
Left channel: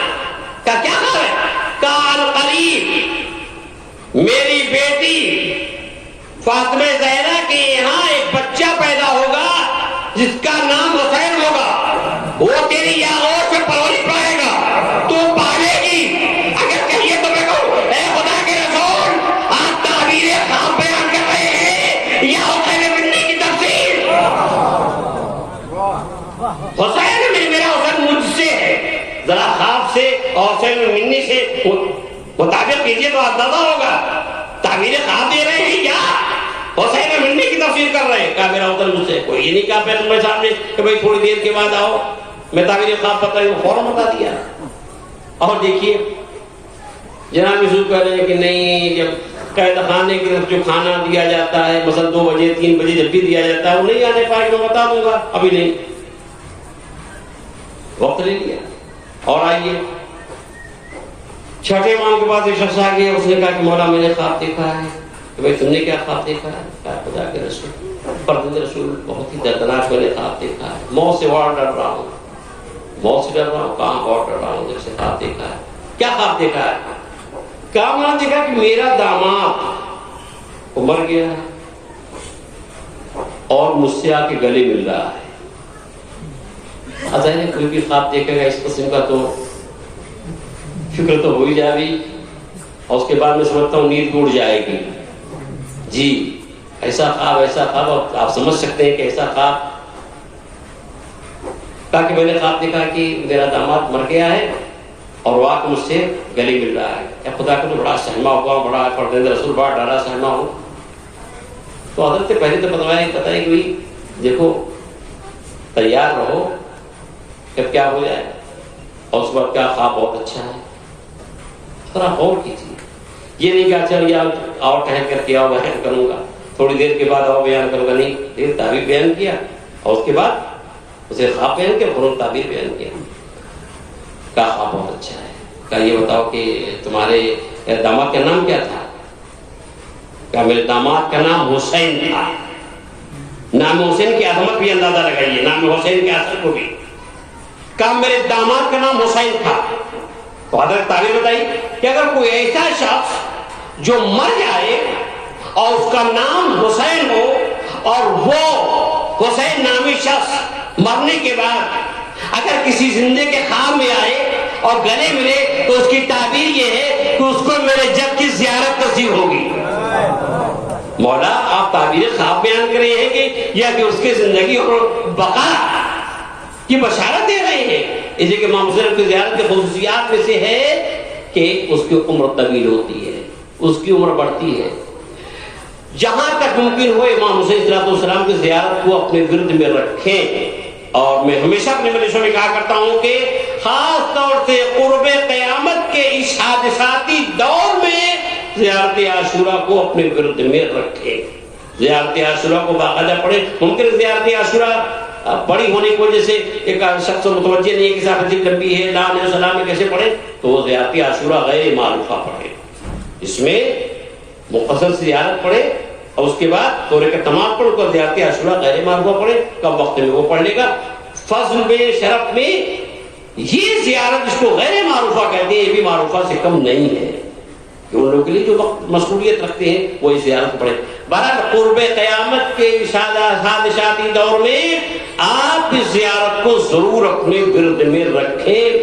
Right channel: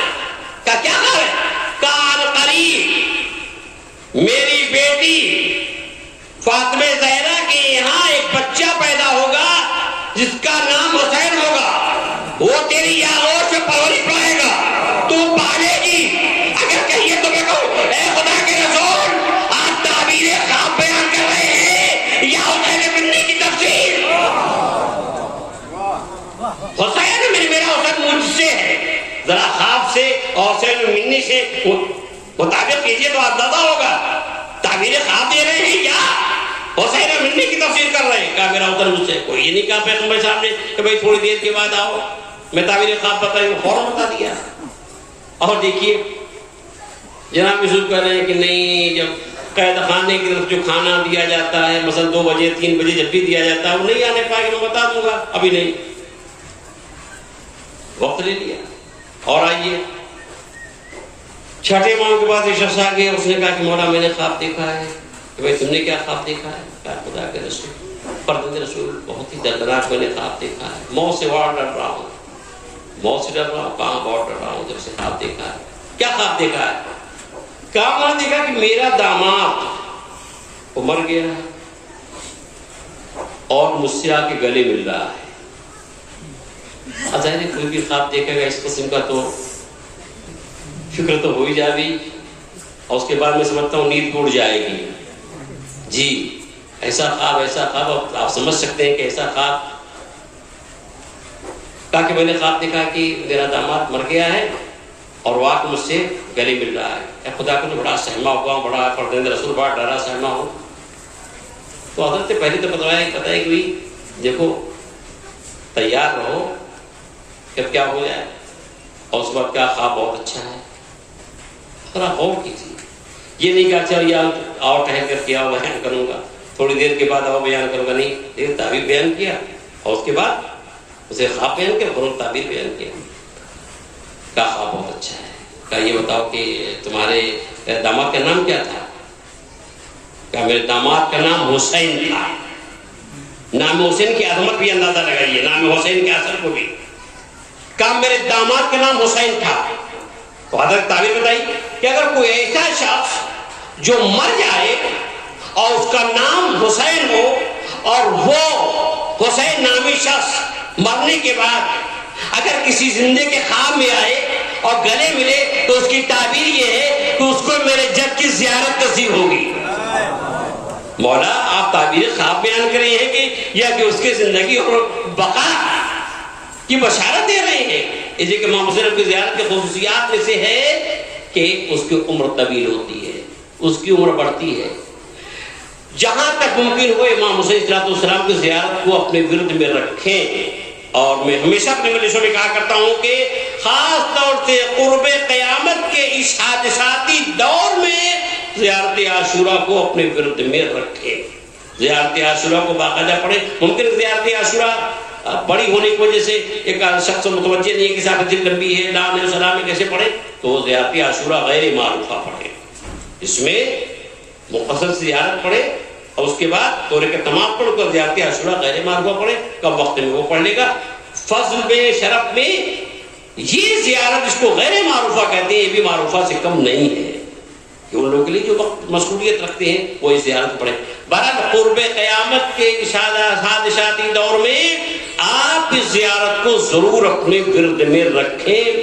کہا کیا خواب ہے؟ کہا قریب میری بیٹی فاطمہ زہرا کے یہاں ایک بچہ پیدا ہوگا جس کا نام حسین ہوگا. وہ تیری آغوش میں پلو نہیں پائے گا، تو پالے گی. اگر کہیے تو میں کہوں اے خدا کے رسول آپ تعبیر خواب بیان کر رہے ہیں یا حسین بننے کی تفسیر؟ حسین بن، میرا حسین مجھ سے ہے. ذرا خواب سے اور حسین بننے سے مطابق کیجیے تو آپ زیادہ ہوگا. تعبیر خواب دے رہے ہیں کیا؟ حسین بننے کی تفسیر کر رہے ہیں. کہا میرا حسین مجھ سے. کوئی نہیں کہا پیغمبر صاحب نے کہ بھائی تھوڑی دیر کے بعد آؤ میں تعبیر خواب بتائی. فوراً بتا دیا. اور دیکھیے جناب یوسف کہہ رہے ہیں کہ نہیں، جب قید خانے کی طرف جو کھانا دیا جاتا ہے مثلا 2 بجے 3 بجے جب بھی دیا جاتا ہے وہ نہیں آنے پائے گا، میں بتا دوں گا. ابھی نہیں، وقت لے لیا. اور آئیے چھٹے ماہ کے بعد ایک شخص آ گیا. اس نے کہا کہ مولا میں نے خواب دیکھا ہے. تو بھائی تم نے کیا خواب دیکھا ہے؟ کہا خدا کے رسول، فرزند رسول بہت ہی دردناک میں نے خواب دیکھا ہے. موت سے بہت ڈر رہا ہوں، موت سے ڈر رہا ہوں. کہاں بہت ڈر رہا ہوں جب سے خواب دیکھا ہے. کیا خواب دیکھا ہے؟ کہا میں نے دیکھا کہ میرا داماد وہ مر گیا ہے اور مجھ سے آ کے گلے مل رہا ہے. ظاہر ہے کوئی بھی خواب دیکھے گا اس قسم کا تو فکر تو ہو ہی جائے گی، اور اس کے بعد میں سمجھتا ہوں نیند ٹوٹ جائے گی. جی ایسا خواب آپ سمجھ سکتے ہیں کہ ایسا خواب. کہا کہ میں نے خواب دیکھا کہ میرا داماد مر گیا ہے اور وہ آ کے مجھ سے گلے مل رہا ہے. خدا کو تو بڑا سہما ہوا، بڑا فرزند رسول بڑا ڈرا سہما ہوں. تو حضرت پہلے تو بتایا کہ بھائی دیکھو تیار رہو جب کیا ہو جائے. اور اس وقت کیا خواب بہت اچھا ہے. تھوڑا غور کیجیے. یہ نہیں کہا چل یا آؤ ٹہل کر کے آؤ بیان کروں گا، تھوڑی دیر کے بعد آؤ بیان کروں گا. نہیں، دیر تعبیر بیان کیا اور اس کے بعد اسے خواب بیان کیا، قرآن تعبیر بیان کیا. کہا خواب بہت اچھا ہے. کہا یہ بتاؤ کہ تمہارے داماد کا نام کیا تھا؟ کہا میرے داماد کا نام حسین تھا. نام حسین کی عظمت بھی اندازہ لگائیے، نام حسین کے اثر کو بھی. کہا میرے داماد کا نام حسین تھا. تو حضرت تعبیر بتائی کہ اگر کوئی ایسا شخص جو مر جائے اور اس کا نام حسین ہو اور وہ حسین نامی شخص مرنے کے بعد اگر کسی زندے کے خواب میں آئے اور گلے ملے تو اس کی تعبیر یہ ہے کہ اس کو میرے جد کی زیارت نصیب ہوگی. مولا آپ تعبیر خواب بیان کر رہے ہیں کہ یا کہ اس کی زندگی اور بقا کی بشارت دے رہے ہیں. اس لیے کہ امام حسین کی زیارت کی خصوصیات میں سے ہے کہ اس کی عمر طویل ہوتی ہے، اس کی عمر بڑھتی ہے. جہاں تک ممکن ہو امام حسین صلی اللہ علیہ وسلم کی زیارت کو اپنے ورد میں رکھیں. اور میں ہمیشہ اپنے مجلسوں میں کہا کرتا ہوں کہ خاص طور سے قرب قیامت کے اس حادثاتی دور میں زیارت عاشورہ کو اپنے ورد میں رکھیں. زیارت عاشورہ کو باقاعدہ پڑھیں. ممکن زیارت عاشورہ بڑی ہونے کی وجہ سے ایک شخص متوجہ نہیں ہے کہ صاحب اتنی لمبی ہے، لا علیہ السلام میں کیسے پڑھیں، تو وہ زیارت عاشورہ غیر معروفہ پڑھے. اس میں مفصل زیارت پڑھے اور اس کے بعد دورے کا تمام پڑھ کر زیارت عاشورہ غیر معروفہ پڑھے. کم وقت میں وہ پڑھ لے گا. فضل میں شرف میں یہ زیارت جس کو غیر معروفہ کہتے ہیں یہ بھی معروفہ سے کم نہیں ہے. ان لوگوں کے لیے جو وقت مشغولیت رکھتے ہیں وہ اس زیارت پڑھے. بہرحال قرب قیامت کے حادثاتی دور میں آپ اس زیارت کو ضرور اپنے ورد میں رکھیں.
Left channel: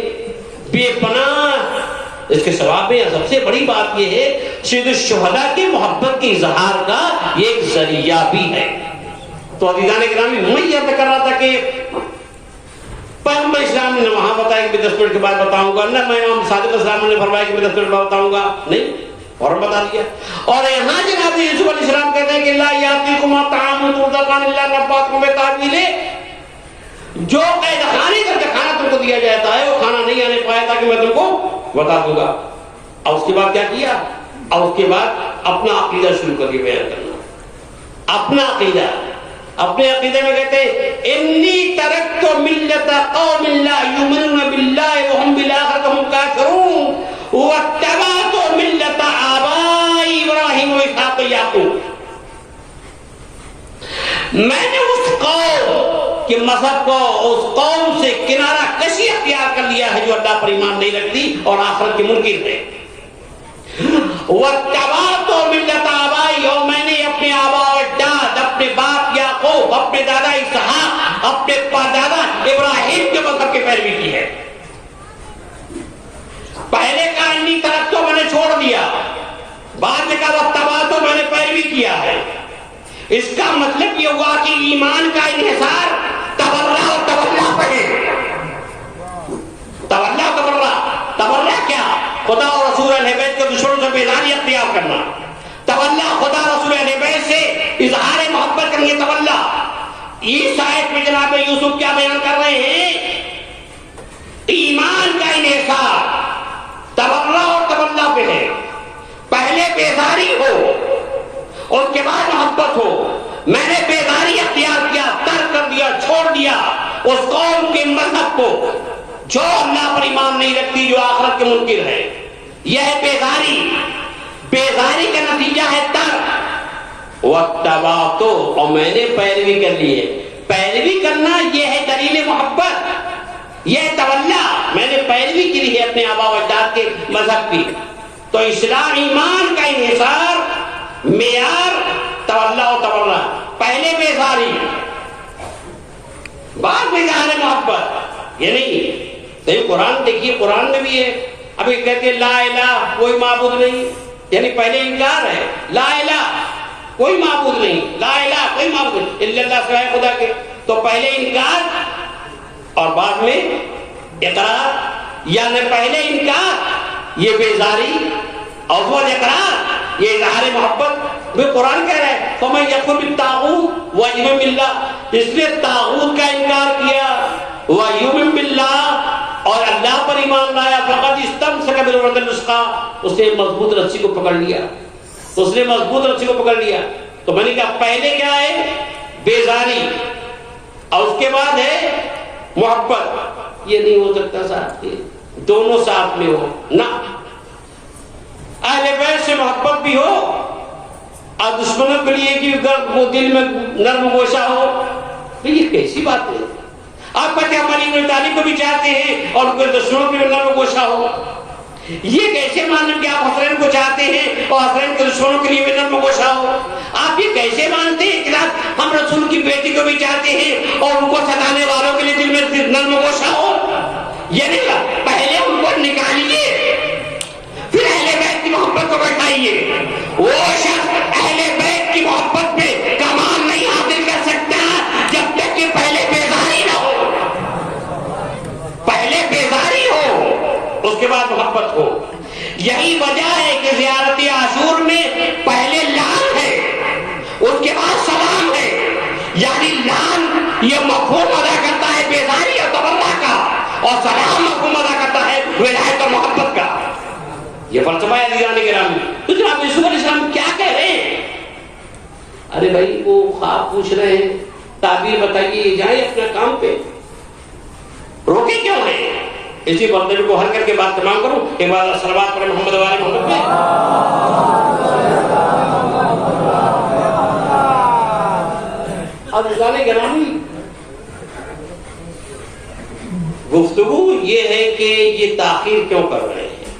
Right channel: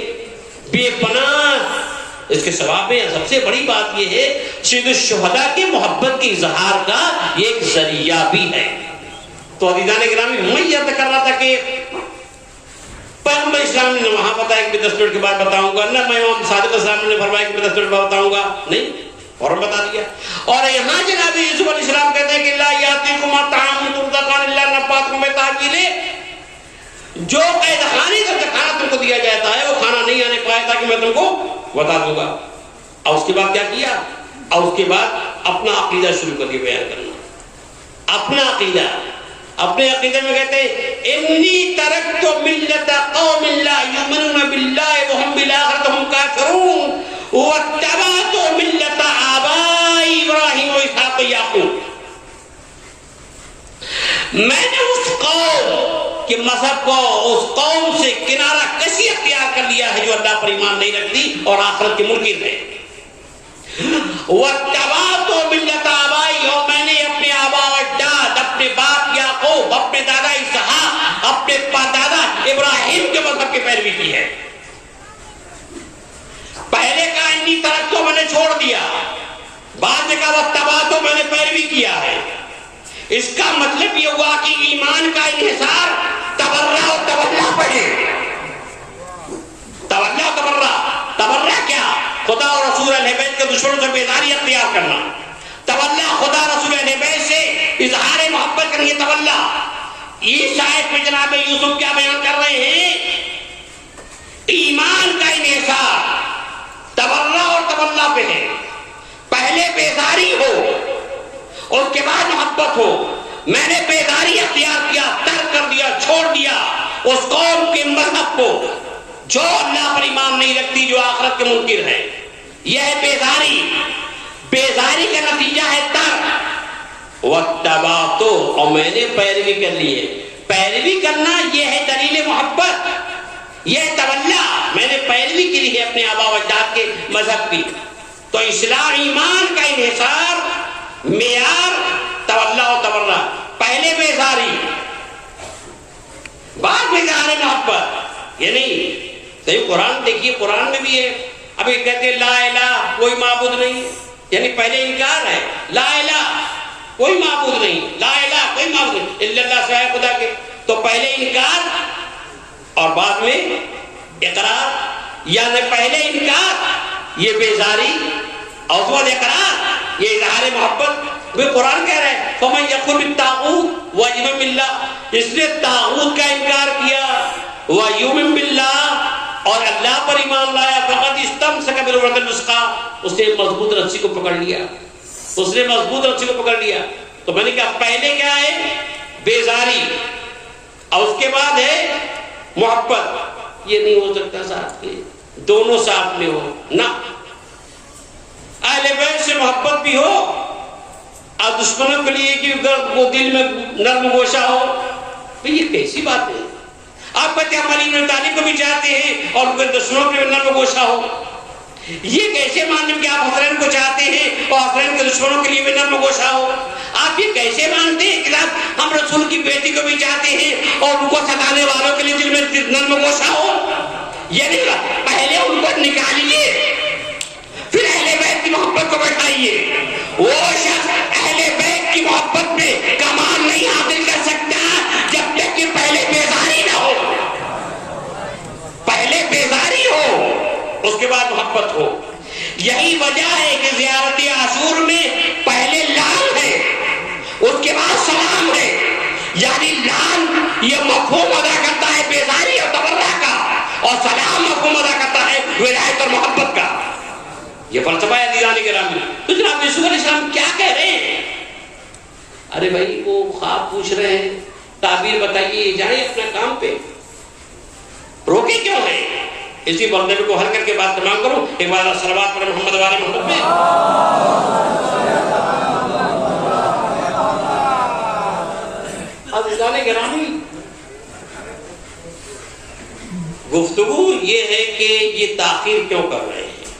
بے پناہ اس کے ثواب میں سب سے بڑی بات یہ ہے سید الشہداء کی محبت کے اظہار کا یہ ایک ذریعہ بھی ہے. تو عزیزان گرامی میں یہ عرض کر رہا تھا کہ پیغمبر اسلام نے وہاں بتایا کہ 10 منٹ کے بعد بتاؤں گا، نہ میں امام صادق اسلام نے فرمایا کہ میں 10 منٹ بعد بتاؤں گا، نہیں فوراً بتا دیا. اور یہاں جناب یوسف علیہ السلام کہتے ہیں کہ لا یاتیکم طعام ترزقان الا نباتکم بتأویلہ، جو قید خانے کا کھانا تم کو دیا جاتا ہے وہ کھانا نہیں آنے پایا تھا کہ میں تم کو بتا دوں گا. اور اس کے بعد کیا کیا؟ اور اس کے بعد اپنا عقیدہ شروع کر کے بیان کرنا. اپنا عقیدہ، اپنے عقیدے میں کہتے ہیں انی ترکت ملت قوم لا یؤمنون باللہ وهم بالآخرۃ هم کافرون واتبعت ملت آبائی ابراہیم و اسحاق و یعقوب. میں نے اس قوم کے مذہب کو، اس قوم سے کنارہ کشی اختیار کر لیا ہے جو اللہ پر ایمان نہیں رکھتی اور آخرت کے منکر ہے. واتبعت ملت آبائی، اور میں نے اپنے آبا و اجداد، اپنے باپ یعقوب، اپنے دادا اسحاق، اپنے دادا ابراہیم کے مذہب کی پیروی کی ہے. پہلے کا انی ترکتو میں نے چھوڑ دیا، بعد کا واتبعتو میں نے پیروی کیا ہے. اس کا مطلب یہ ہوا کہ ایمان کا انحصار تبرہ و تبرہ پڑے. تبرہ و تبرہ، تبرہ کیا؟ خدا اور رسول اہل بیت کے دشمنوں سے بیزاری اختیار کرنا. تولا خدا رسول اہل بیت سے اظہار محبت کریں گے. تولا اس آیت میں جناب یوسف کیا بیان کر رہے ہیں؟ ایمان کا انحصار تبرہ اور تولا پہ ہے. پہلے بیزاری ہو اور اس کے بعد محبت ہو. میں نے بیزاری اختیار کیا، ترک کر دیا، چھوڑ دیا اس قوم کے مذہب کو جو اللہ پر ایمان نہیں رکھتی، جو آخرت کے منکر ہے. یہ ہے بیزاری. بیزاری کا نتیجہ ہے ترک. واتبعت، اور میں نے پیروی کر لی ہے. پیروی کرنا یہ ہے دلیل محبت، یہ تولا. میں نے پیروی کی ہے اپنے آبا و اجداد کے مذہب کی. تو اصلاح ایمان کا انحصار معیار تولا و تبرہ. پہلے بیزاری، بعد میں اظہار محبت. یعنی قرآن دیکھیے، قرآن میں بھی ہے. ابھی کہتے ہیں لا الہ کوئی معبود نہیں، یعنی پہلے انکار ہے. لا الہ کوئی معبود نہیں، لا الہ کوئی معبود نہیں الا اللہ سوائے خدا کے. تو پہلے انکار اور بعد میں اقرار. یا میں پہلے انکار یہ بیزاری اور بعد اقرار یہ اظہار محبت. وہ قرآن کہہ رہا ہے فمن یکفر بالطاغوت ویؤمن باللہ، اس نے طاغوت کا انکار کیا ویؤمن باللہ اور اللہ پر ایمان لایا، فقد استمسک بالعروۃ الوثقی، اس نے مضبوط رسی کو پکڑ لیا. اس نے مضبوط رسی کو پکڑ لیا. تو میں نے کہا پہلے کیا ہے؟ بیزاری اور اس کے بعد ہے محبت. یہ نہیں ہو سکتا ساتھ کے, دونوں ساتھ میں ہو نہ. اہل بیت سے محبت بھی ہو اور دشمنوں کے لیے کہ وہ دل میں نرم گوشہ ہو. تو یہ کیسی بات ہے؟ آپ بچہ علی بن طالب کو بھی چاہتے ہیں اور ان کے دشمنوں کے لیے نرم گوشہ ہو. یہ کیسے مانیں کہ آپ حسنین کو چاہتے ہیں اور حسنین کے دشمنوں کے لیے بھی نرم گوشہ ہو؟ آپ یہ کیسے مانتے ہیں کہ ہم رسول کی بیٹی کو بھی چاہتے ہیں اور ان کو ستانے والوں کے لیے دل میں نرم گوشہ ہو؟ یہ نہیں, پہلے ان کو نکالیے پھر اہل بیت کی محبت کو بٹھائیے. وہ شخص اہل بیت کی محبت میں کمال نہیں حاصل کر سکتا جب تک کہ پہلے بیزاری نہ ہو. پہلے بیزاری ہو اس کے بعد محبت ہو. یہی وجہ ہے کہ زیارت عاشور میں پہلے لعن ہے اس کے بعد سلام ہے. یعنی لعن یہ مفہوم ادا کرتا ہے بیزاری اور تبرہ کا, اور سلام مفہوم ادا کرتا ہے ولایت اور محبت کا. یہ فلسفہ ہے عزیزان گرامی. تو جناب یوسف علیہ السلام کیا کہہ رہے ہیں؟ ارے بھائی وہ خواب پوچھ رہے ہیں, تعبیر بتائیے, جائیں اپنا کام پہ, روکے کیوں ہیں؟ اسی بندے کو حل کر کے بات تمام کروں. ایک بار صلوات پڑھیں محمد وآل محمد پہ. اب عزیزان گرامی گفتگو یہ ہے کہ یہ تاخیر کیوں کر رہے ہیں,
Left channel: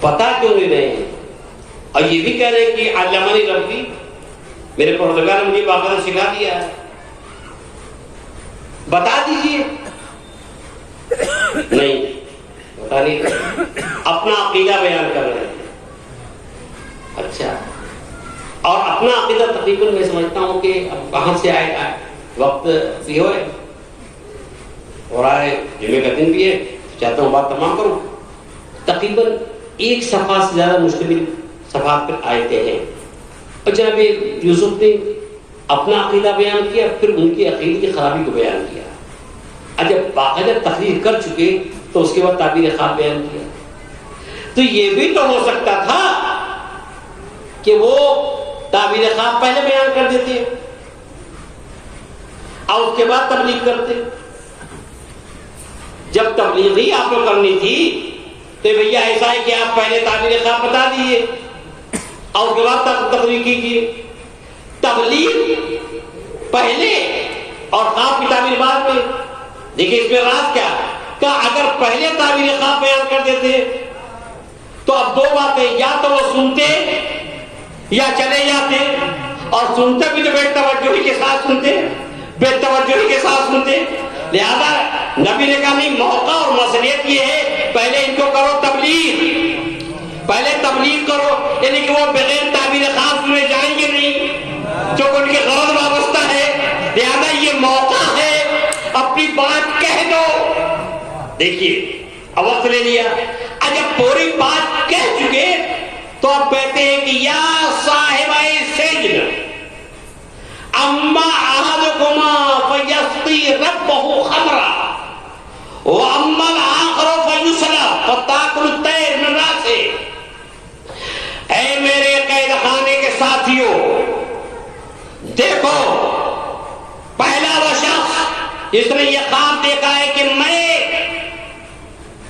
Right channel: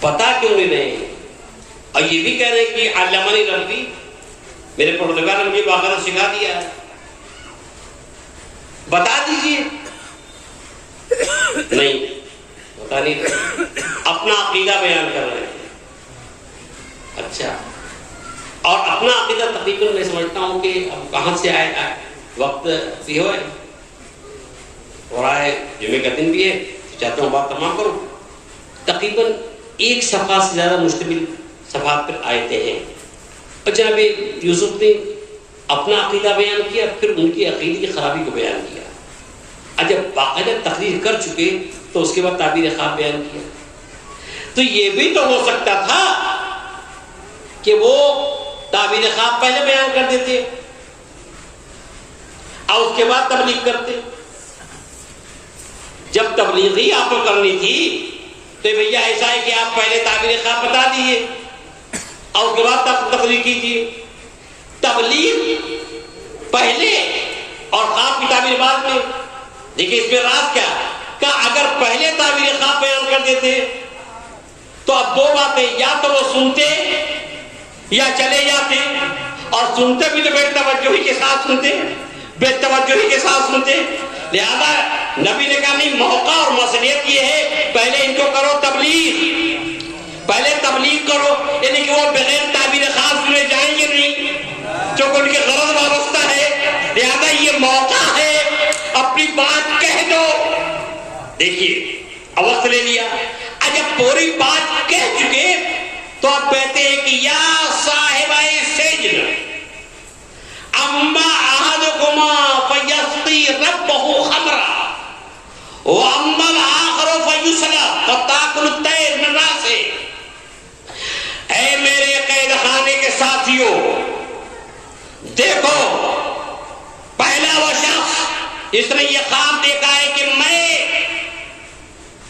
پتہ کیوں نہیں رہے ہیں, اور یہ بھی کہہ رہے ہیں کہ علامہ ربی میرے پروردگار نے مجھے باقاعدہ سکھا دیا ہے, بتا دیجئے. نہیں بتا نہیں, اپنا عقیدہ بیان کر رہے ہیں. اچھا, اور اپنا عقیدہ تقریباً میں سمجھتا ہوں کہ اب کہاں سے آئے وقت بھی ہوئے اور آئے جمعے کا دن بھی ہے, چاہتا ہوں بات تمام کروں. تقریباً ایک صفحہ سے زیادہ مشتمل صفحات پر آیتیں ہیں, اور جناب یوسف نے اپنا عقیدہ بیان کیا, پھر ان کی عقیدے کی خرابی کو بیان کیا. اور جب باقاعدہ تقریر کر چکے تو اس کے بعد تعبیر خواب بیان کیا. تو یہ بھی تو ہو سکتا تھا کہ وہ تعبیر خواب پہلے بیان کر دیتے اور اس کے بعد تبلیغ کرتے. جب تبلیغ ہی آپ کو کرنی تھی تو بھیا ایسا ہے کہ آپ پہلے تعبیر خواب بتا دیجیے اور اس کے بعد تقریر کیجیے. تبلیغ پہلے اور خواب کی تعبیر بعد میں. دیکھیے اس میں راز کیا ہے کہ اگر پہلے تعبیر خواب بیان کر دیتے تو اب دو باتیں, یا تو وہ سنتے یا چلے جاتے, اور سنتے بھی تو بے توجہی کے ساتھ سنتے, بے توجہی کے ساتھ سنتے. لہذا نبی نے کہا نہیں, موقع اور مصلحت یہ ہے پہلے ان کو کرو تبلیغ, پہلے تبلیغ کرو. یعنی کہ وہ بغیر تعبیر خواب سنے جائیں گے نہیں, جو ان کے غرض وابستہ ہے. لہذا یہ موقع ہے, اپنی بات کہہ دو. دیکھیے اب وقت لے لیا, جب پوری بات کہہ چکے تو آپ کہتے ہیں کہ یا صاحبہ سجن اما احدکما فیسقی ربہ خمرا واما الاخر فیسلب فتاکل الطیر من راسہ. اے میرے قید خانے کے ساتھیوں, دیکھو پہلا وہ شخص جس نے یہ خواب دیکھا ہے کہ میں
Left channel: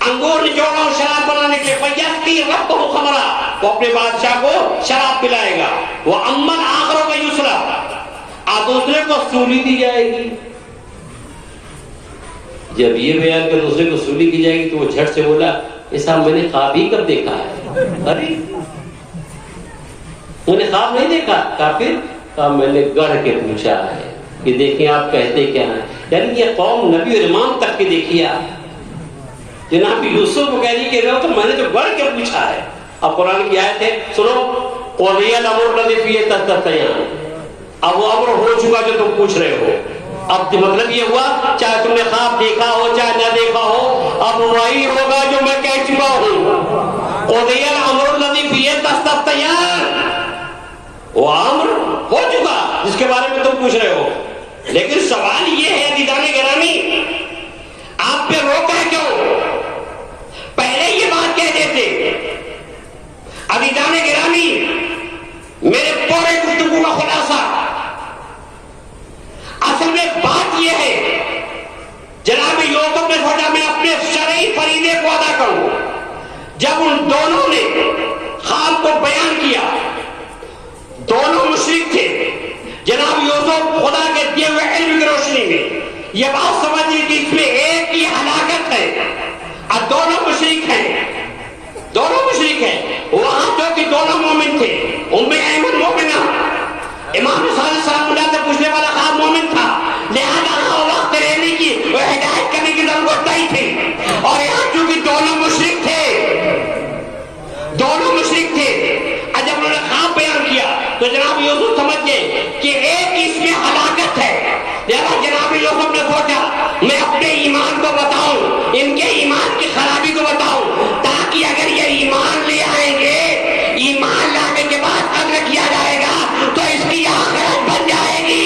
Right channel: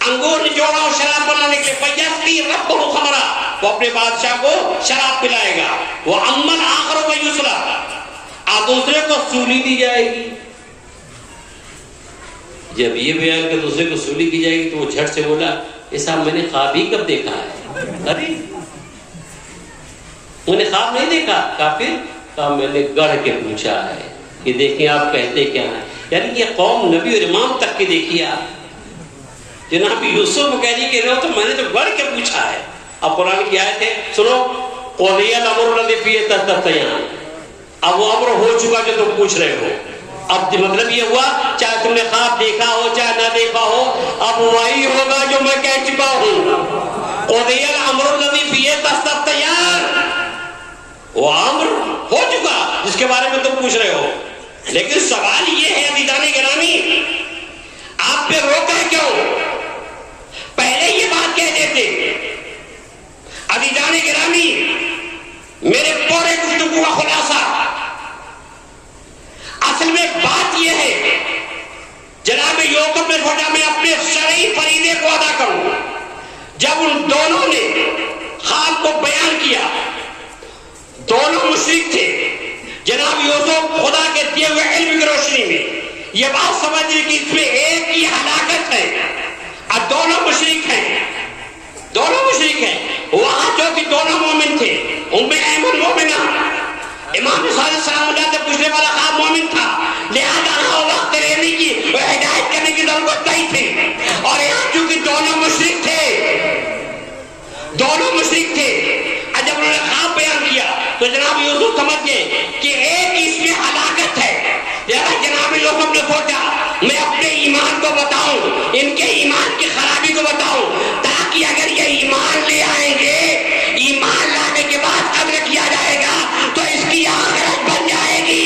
انگور نچوڑا ہوں شراب بنانے کے, فیسقی ربہ خمرا, وہ اپنے بادشاہ کو شراب پلائے گا. وہ اما الاخر فیسلب, اور دوسرے کو سولی دی جائے گی. جب یہ بیان کر دوسرے کو سولی دی جائے گی تو وہ جھٹ سے بولا ایسا میں نے خواب ہی کر دیکھا ہے. ابھی انہیں خواب نہیں دیکھا, کافر کہا میں نے گڑھ کے پوچھا ہے کہ دیکھیں آپ کہتے کیا ہیں. یعنی یہ قوم نبی اور امام تک کی دیکھیے آپ, جناب یوسف کو کہہ رہی کہ تو میں نے تو گڑھ کے پوچھا ہے. اب قرآن کی آیت ہے سنو, قضی الامر الذی فیہ تستفتیان, اب وہ امر ہو چکا جو تم پوچھ رہے ہو. اب مطلب یہ ہوا چاہے تم نے خواب دیکھا ہو چاہے نہ دیکھا ہو, اب وہی ہوگا جو میں کہہ چکا ہوں. قضی الامر الذی فیہ تستفتیان, وہ امر ہو چکا جس کے بارے میں تم پوچھ رہے ہو. لیکن سوال یہ ہے عزیزان گرامی, آپ پہ روکا کیوں؟ پہلے یہ بات کہہ دیتے. عزیزان گرامی میرے پورے گفتگو کا خلاصہ اصل میں بات بات یہ ہے جناب یوسف نے سوچا میں اپنے شرعی فریضے کو ادا کروں. جب ان دونوں نے خواب کو بیان کیا، دونوں مشرک تھے. جناب یوسف خدا کے دیے ہوئے علم کی روشنی میں یہ بات سمجھ لی کہ اس میں ایک کی ہلاکت ہے اور دونوں مشرک ہیں. وہاں جو کہ دونوں مومن تھے، ان میں ایمن مومنہ امام صادق سلام اللہ سے پوچھنے والا خواب مومن تھا، لہذا وقت لینے کی ہدایت کرنے کی ضرورت نہیں تھی. اور یہاں چونکہ دونوں مشرک تھے، اور جب انہوں نے خواب بیان کیا تو جناب یوسف سمجھ گئے کہ ایک اس میں ہلاکت ہے. لہذا جناب یوسف نے سوچا میں اپنے ایمان کو بتاؤں، ان کے ایمان کی خرابی کو بتاؤں، تاکہ اگر یہ ایمان لے آئیں گے، ایمان لانے کے بعد قدر کیا جائے گا تو اس کی آخرت بن جائے گی.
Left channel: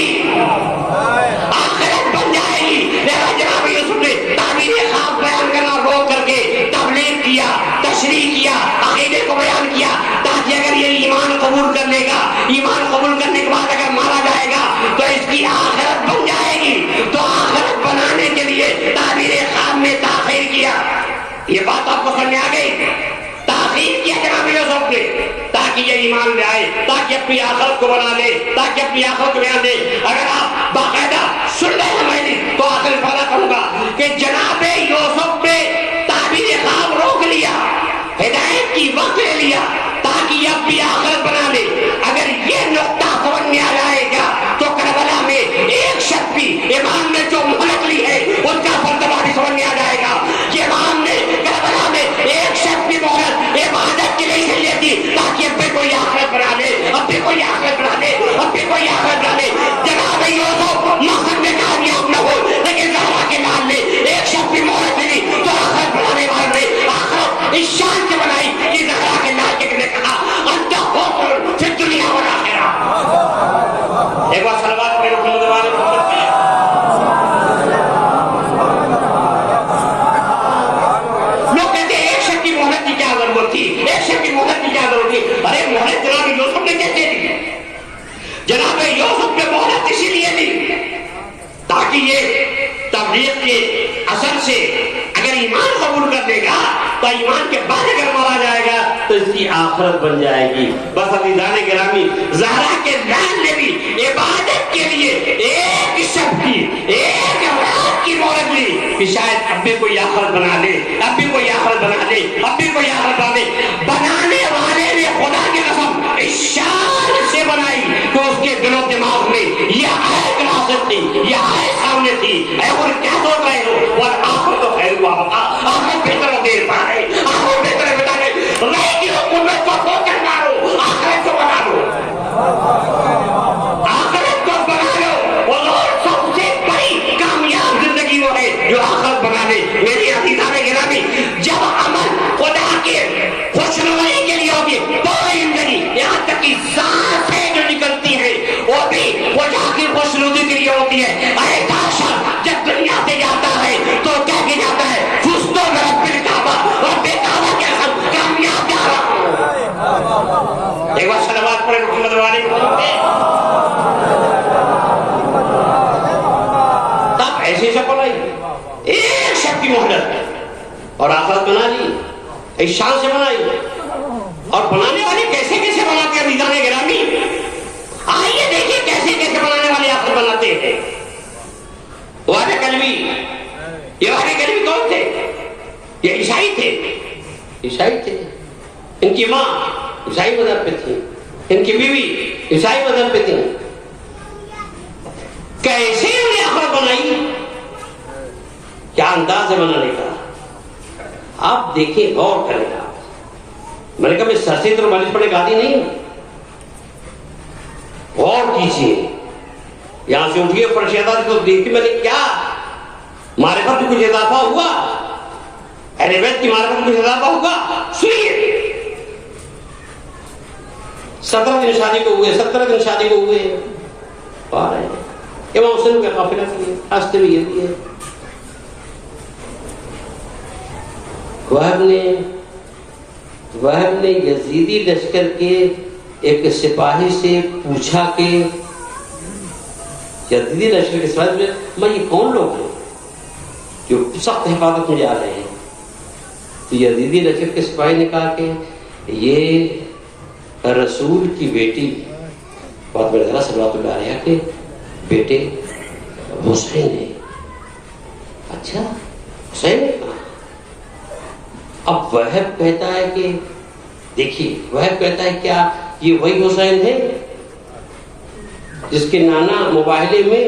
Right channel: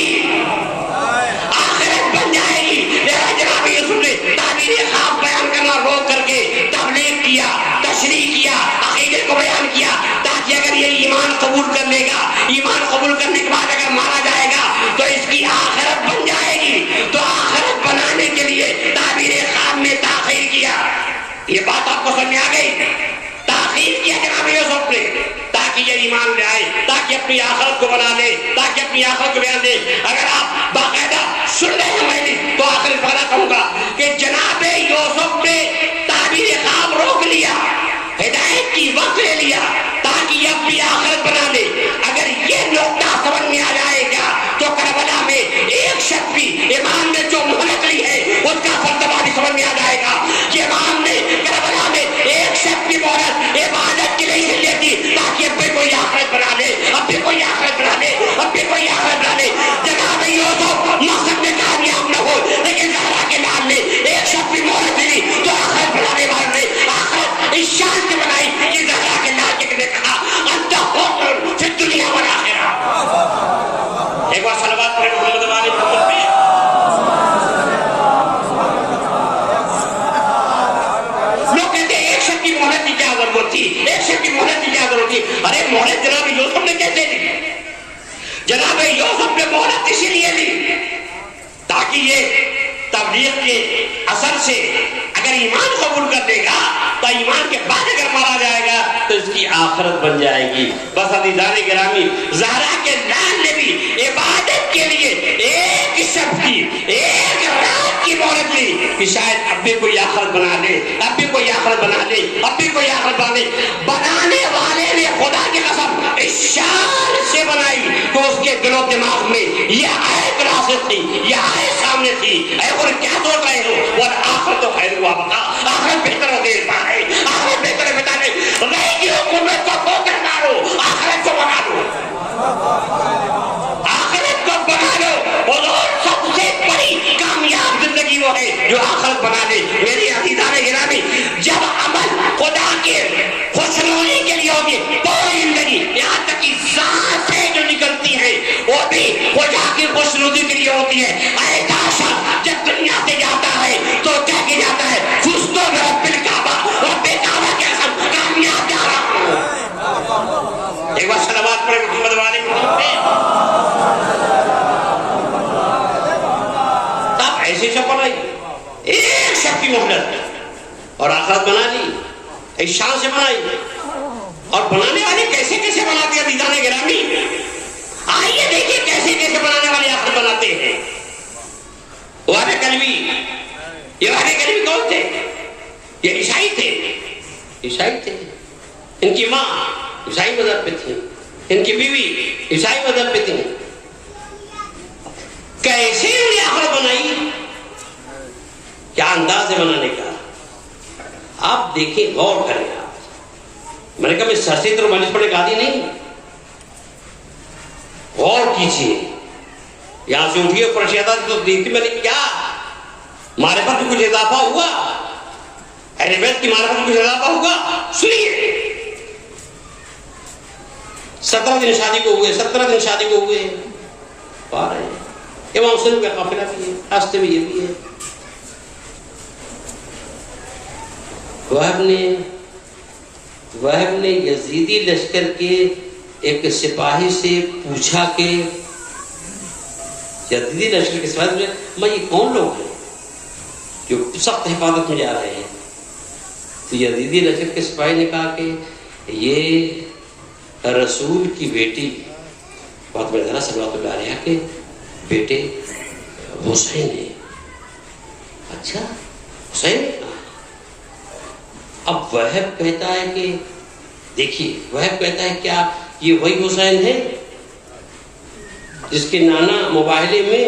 لہذا جناب یوسف نے تعبیر خواب بیان کرنا روک کر کے تبلیغ کیا، تشریح کیا، عقیدے کو بیان کیا، تاکہ اگر یہ ایمان قبول کر لے گا، ایمان قبول کرنے کے بعد اگر مارا جائے گا تو اس کی آخرت بن جائے گی. تو آخرت بنانے کے لیے تعبیر خواب میں تاخیر کیا. یہ بات آپ کو سمجھ آ گئی؟ تاخیر کیا جناب یوسف نے تاکہ یہ ایمان لے آئے، تاکہ اپنی آخرت کو بنا دے، تاکہ اپنی آخرت کو بیان دے. اگر آپ باقاعدہ سن رہے ہیں میری تو آخر فائدہ کروں گا کہ جناب یوسف نے تعبیر خواب روک لیا، ہدایت کی وقت لے لیا تاکہ یہ اپنی آخرت بنا دے. اگر یہ نقطہ سمجھ میں آ جائے گا تو کربلا میں ایک شخص بھی امام نے جو مہلت لی ہے اس کا فلسفہ بھی سمجھ میں آ جائے گا کہ امام نے کربلا میں ایک شخص کی مہلت عبادت کی نہیں لی تھی تاکہ اب بھی کوئی آخرت بنا دے، اب بھی کوئی آخرت بنا دے، اب بھی کوئی آخرت بنا دے. جناب یوسف مقصد میں کامیاب نہ ہو، لیکن زہرا کے لال نے ایک شخص کی مہلت لی تو آخرت بنانے والے نے آخرت اس شان سے بنائی کہ زہرا کے لال کے نے کہا انت حکم فی الدنیا والآخرہ. ایک بار صلوات پڑھیں محمد والے محمد پہ. لوگ کہتے ہیں ایک شخص کی مہلت کی کیا ضرورت تھی، ایک شخص کی مہلت کی کیا ضرورت تھی. ارے مہلت جناب یوسف نے کیسے لی؟ جناب یوسف نے مہلت اسی لیے لی تاکہ یہ تبلیغ کے اثر سے اگر ایمان قبول کر لے گا تو ایمان کے بعد اگر مارا جائے گا تو اس کی آخرت بن جائے گی. بس عزیزان گرامی، زہرا کے لال نے بھی عبادت کے لیے ایک شخص کی، ایک رات کی مہلت لی کہ شاید اب بھی کوئی آخرت بنا دے، اب بھی کوئی آخرت بنا دے، اب بھی کوئی آخرت بنا دے. بنانے والے نے خدا کی قسم اس شان سے بنائی کہ اس کے دل و دماغ میں یہ آیت نازل تھی، یہ آیت سامنے تھی. اے اور کیا سوچ رہے ہو؟ اور آخرت تو خیر ہوا بتا، آخرت بہتر ہو دیر پا ہے، آخرت بہتر ہے بتا دے. رہ کی حکومت کو کھو کر مارو، آخرت کو بنا لو، آخرت کو بنا لو. اور سب سے بڑی کامیاب زندگی وہ ہے جو آخرت بنا لے. میری عزیزان گرامی، جب عمل خدا کے خوشنودی کے لیے ہوگی پوری زندگی، یہاں تک کہ سانسیں جو نکلتی ہیں وہ بھی خدا کی خوشنودی کے لیے ہوتی ہے. ارے بادشاہ جب دنیا سے جاتا ہے تو کہہ کے جاتا ہے فزتو برب الکعبہ، اور بے کعبہ کے کامیاب جا رہا ہوں. ایک بار صلوات پڑھیں محمد والے محمد پہ. تب ایسی شکل بنائی، ایک شخص کی مہلت اور آخرت بنا لی، اس شان سے بنائی. اور بنانے والے کیسے کیسے بناتے ہیں عزیزان گرامی؟ آئیے دیکھیے کیسے کیسے بنانے والے آخرت بناتے ہیں. وعدہ کلوی، یہ وعدہ کلوی کون تھے؟ یہ عیسائی تھے. ان کی ماں عیسائی مذہب پہ تھی، ان کی بیوی عیسائی مذہب پہ تھی. کیسے انہیں آخرت بنائی؟ کیا انداز ہے بنانے کا؟ آپ دیکھیں، غور کریں. میں نے کہا میں سر سے ادھر مالش پڑنے کا عادی نہیں. غور کیجیے، یہاں سے اٹھیے پرشیدات کو دیکھیے. میں نے کیا معرفت میں کچھ اضافہ ہوا؟ ارے ویٹ کی معرفت میں کچھ اضافہ ہوا؟ سنیے. 17 دن شادی کو ہوئے، 17 دن شادی کو ہوئے. پا رہے ہیں امام حسین کا قافلہ کیے، ہنستے ہوئے لیے. وہب نے یزیدی لشکر کے ایک سپاہی سے پوچھا کہ یزیدی لشکر کے سپاہی نے میں یہ کون لوگ ہیں جو سخت حفاظت میں جا رہے ہیں؟ تو یزیدی لشکر کے سپاہی نے کہا کہ یہ رسول کی بیٹی فاطمہ زہرا صلوات اللہ علیہا کے بیٹے حسین نے. اچھا حسین؟ اب وہب کہتا ہے کہ دیکھیے وہب کہتا ہے کیا یہ وہی حسین ہے جس کے نانا مباہلے میں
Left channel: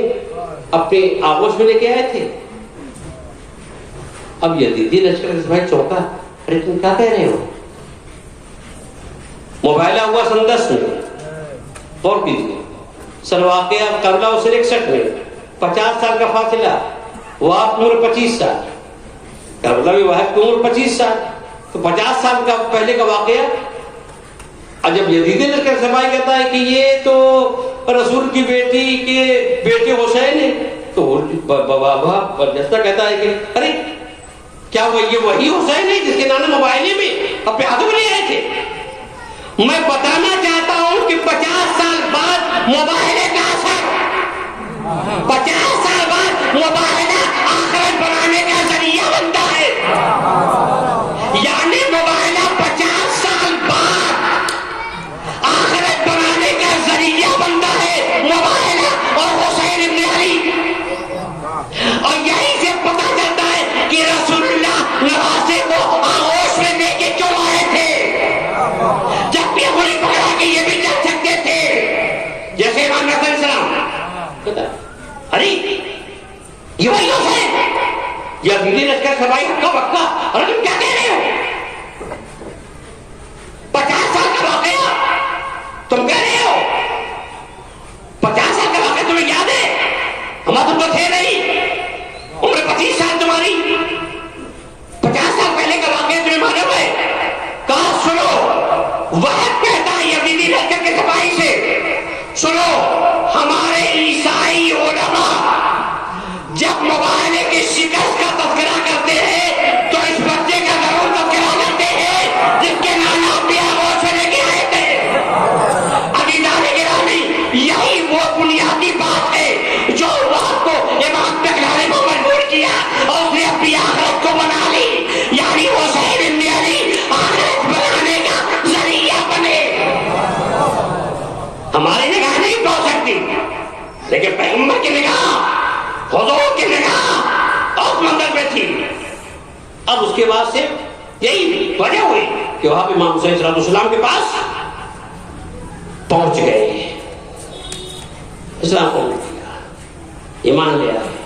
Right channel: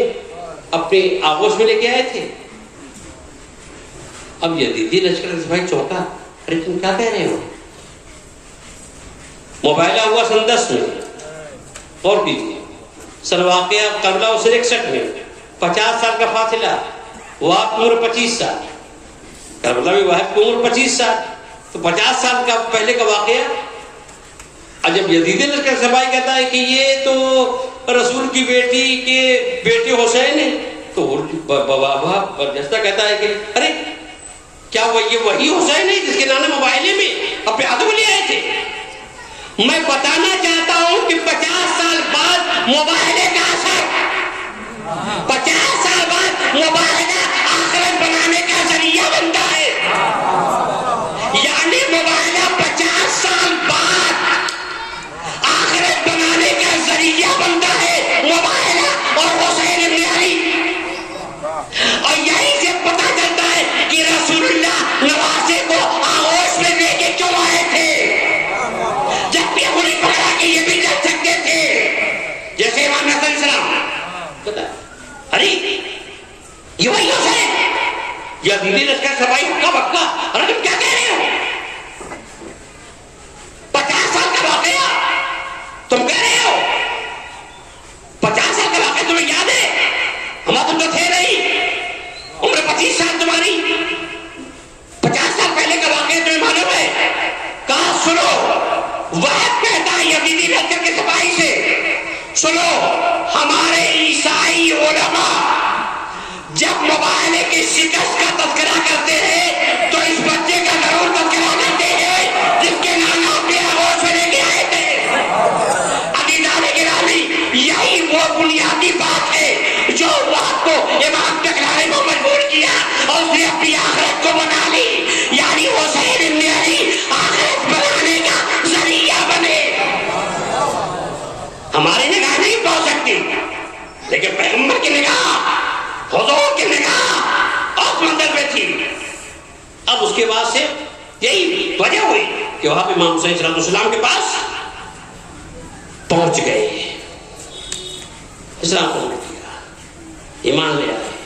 اپنے آغوش میں لے کے آئے تھے؟ اب یزیدی لشکر کے سپاہی چونکا. ارے تم کیا کہہ رہے ہو؟ مباہلہ ہوا سن 10 میں اور کیجیے سن واقعہ قبلہ 61 میں 50 سال کا فاصلہ. وہ آپ کی عمر 25 سال, قبلہ میں واحد کی عمر 25 سال, تو 50 سال کا پہلے کا واقعہ. اور جب یزیدی لشکر سپاہی کہتا ہے کہ یہ تو رسول کی بیٹی کے بیٹے حسین ہیں, تو بابا برجستہ کہتا ہے کہ ارے کیا وہ یہ وہی حسین ہے جس کے نانا مباہلے میں اپنے ہاتھوں لے آئے تھے؟ میں بتانا چاہتا ہوں کہ 50 سال بعد مباہلے کا اثر, 50 سال بعد مباہلہ آخرت بنانے کا ذریعہ بنتا ہے. یعنی مباہلہ 50 سال بعد آخرت بنانے کا ذریعہ بنتا ہے, مباہلہ اور حسین ابن علی. اور یہی سے پتہ چلتا ہے کہ رسول اللہ نواسے کو آغوش میں لے کے کیوں آئے تھے, جب یہ بری پکڑا کہ یہ بھی چل سکتے تھے. جیسے امام حسن السلام ارے یہ وہی حسین یزیدی لشکر سپاہی ہکا بکا. ارے تم کیا کہہ رہے ہو؟ 50 سال کا واقعہ تم کہہ رہے ہو؟ 50 سال کا واقعہ تمہیں یاد ہے؟ ہمارا تم تو تھے نہیں, عمر 25 سال تمہاری. 50 سال پہلے کا واقعہ تمہیں معلوم ہے؟ کہاں سنو وحید کہتا ہے یزیدی لشکر کے سپاہی سے, سنو ہمارے عیسائی علماء جب مباہلے کی شکست کا تذکرہ کرتے ہیں تو اس بچے کا ضرور تذکرہ کرتے ہیں جس کے نانا اپنے آغوش میں لے کے آئے تھے. عزیزان گرامی, یہی وہ بنیادی بات ہے جو بات کو امام تکراری کو مجبور کیا اور اس نے اپنی آخرت کو بنا لی. یعنی حسین ابن علی آخرت بنانے کا ذریعہ بنے. ہماری نگاہ نہیں پہنچ سکتی لیکن پیغمبر کی نگاہ, حضور کی نگاہ اس منظر پہ تھی. اب اس کے بعد سے یہی وجہ ہوئی کہ وہاں پہ امام حسین صلی اللہ علیہ وسلم کے پاس پہنچ گئے, اسلام قبول کیا, ایمان لے آئے.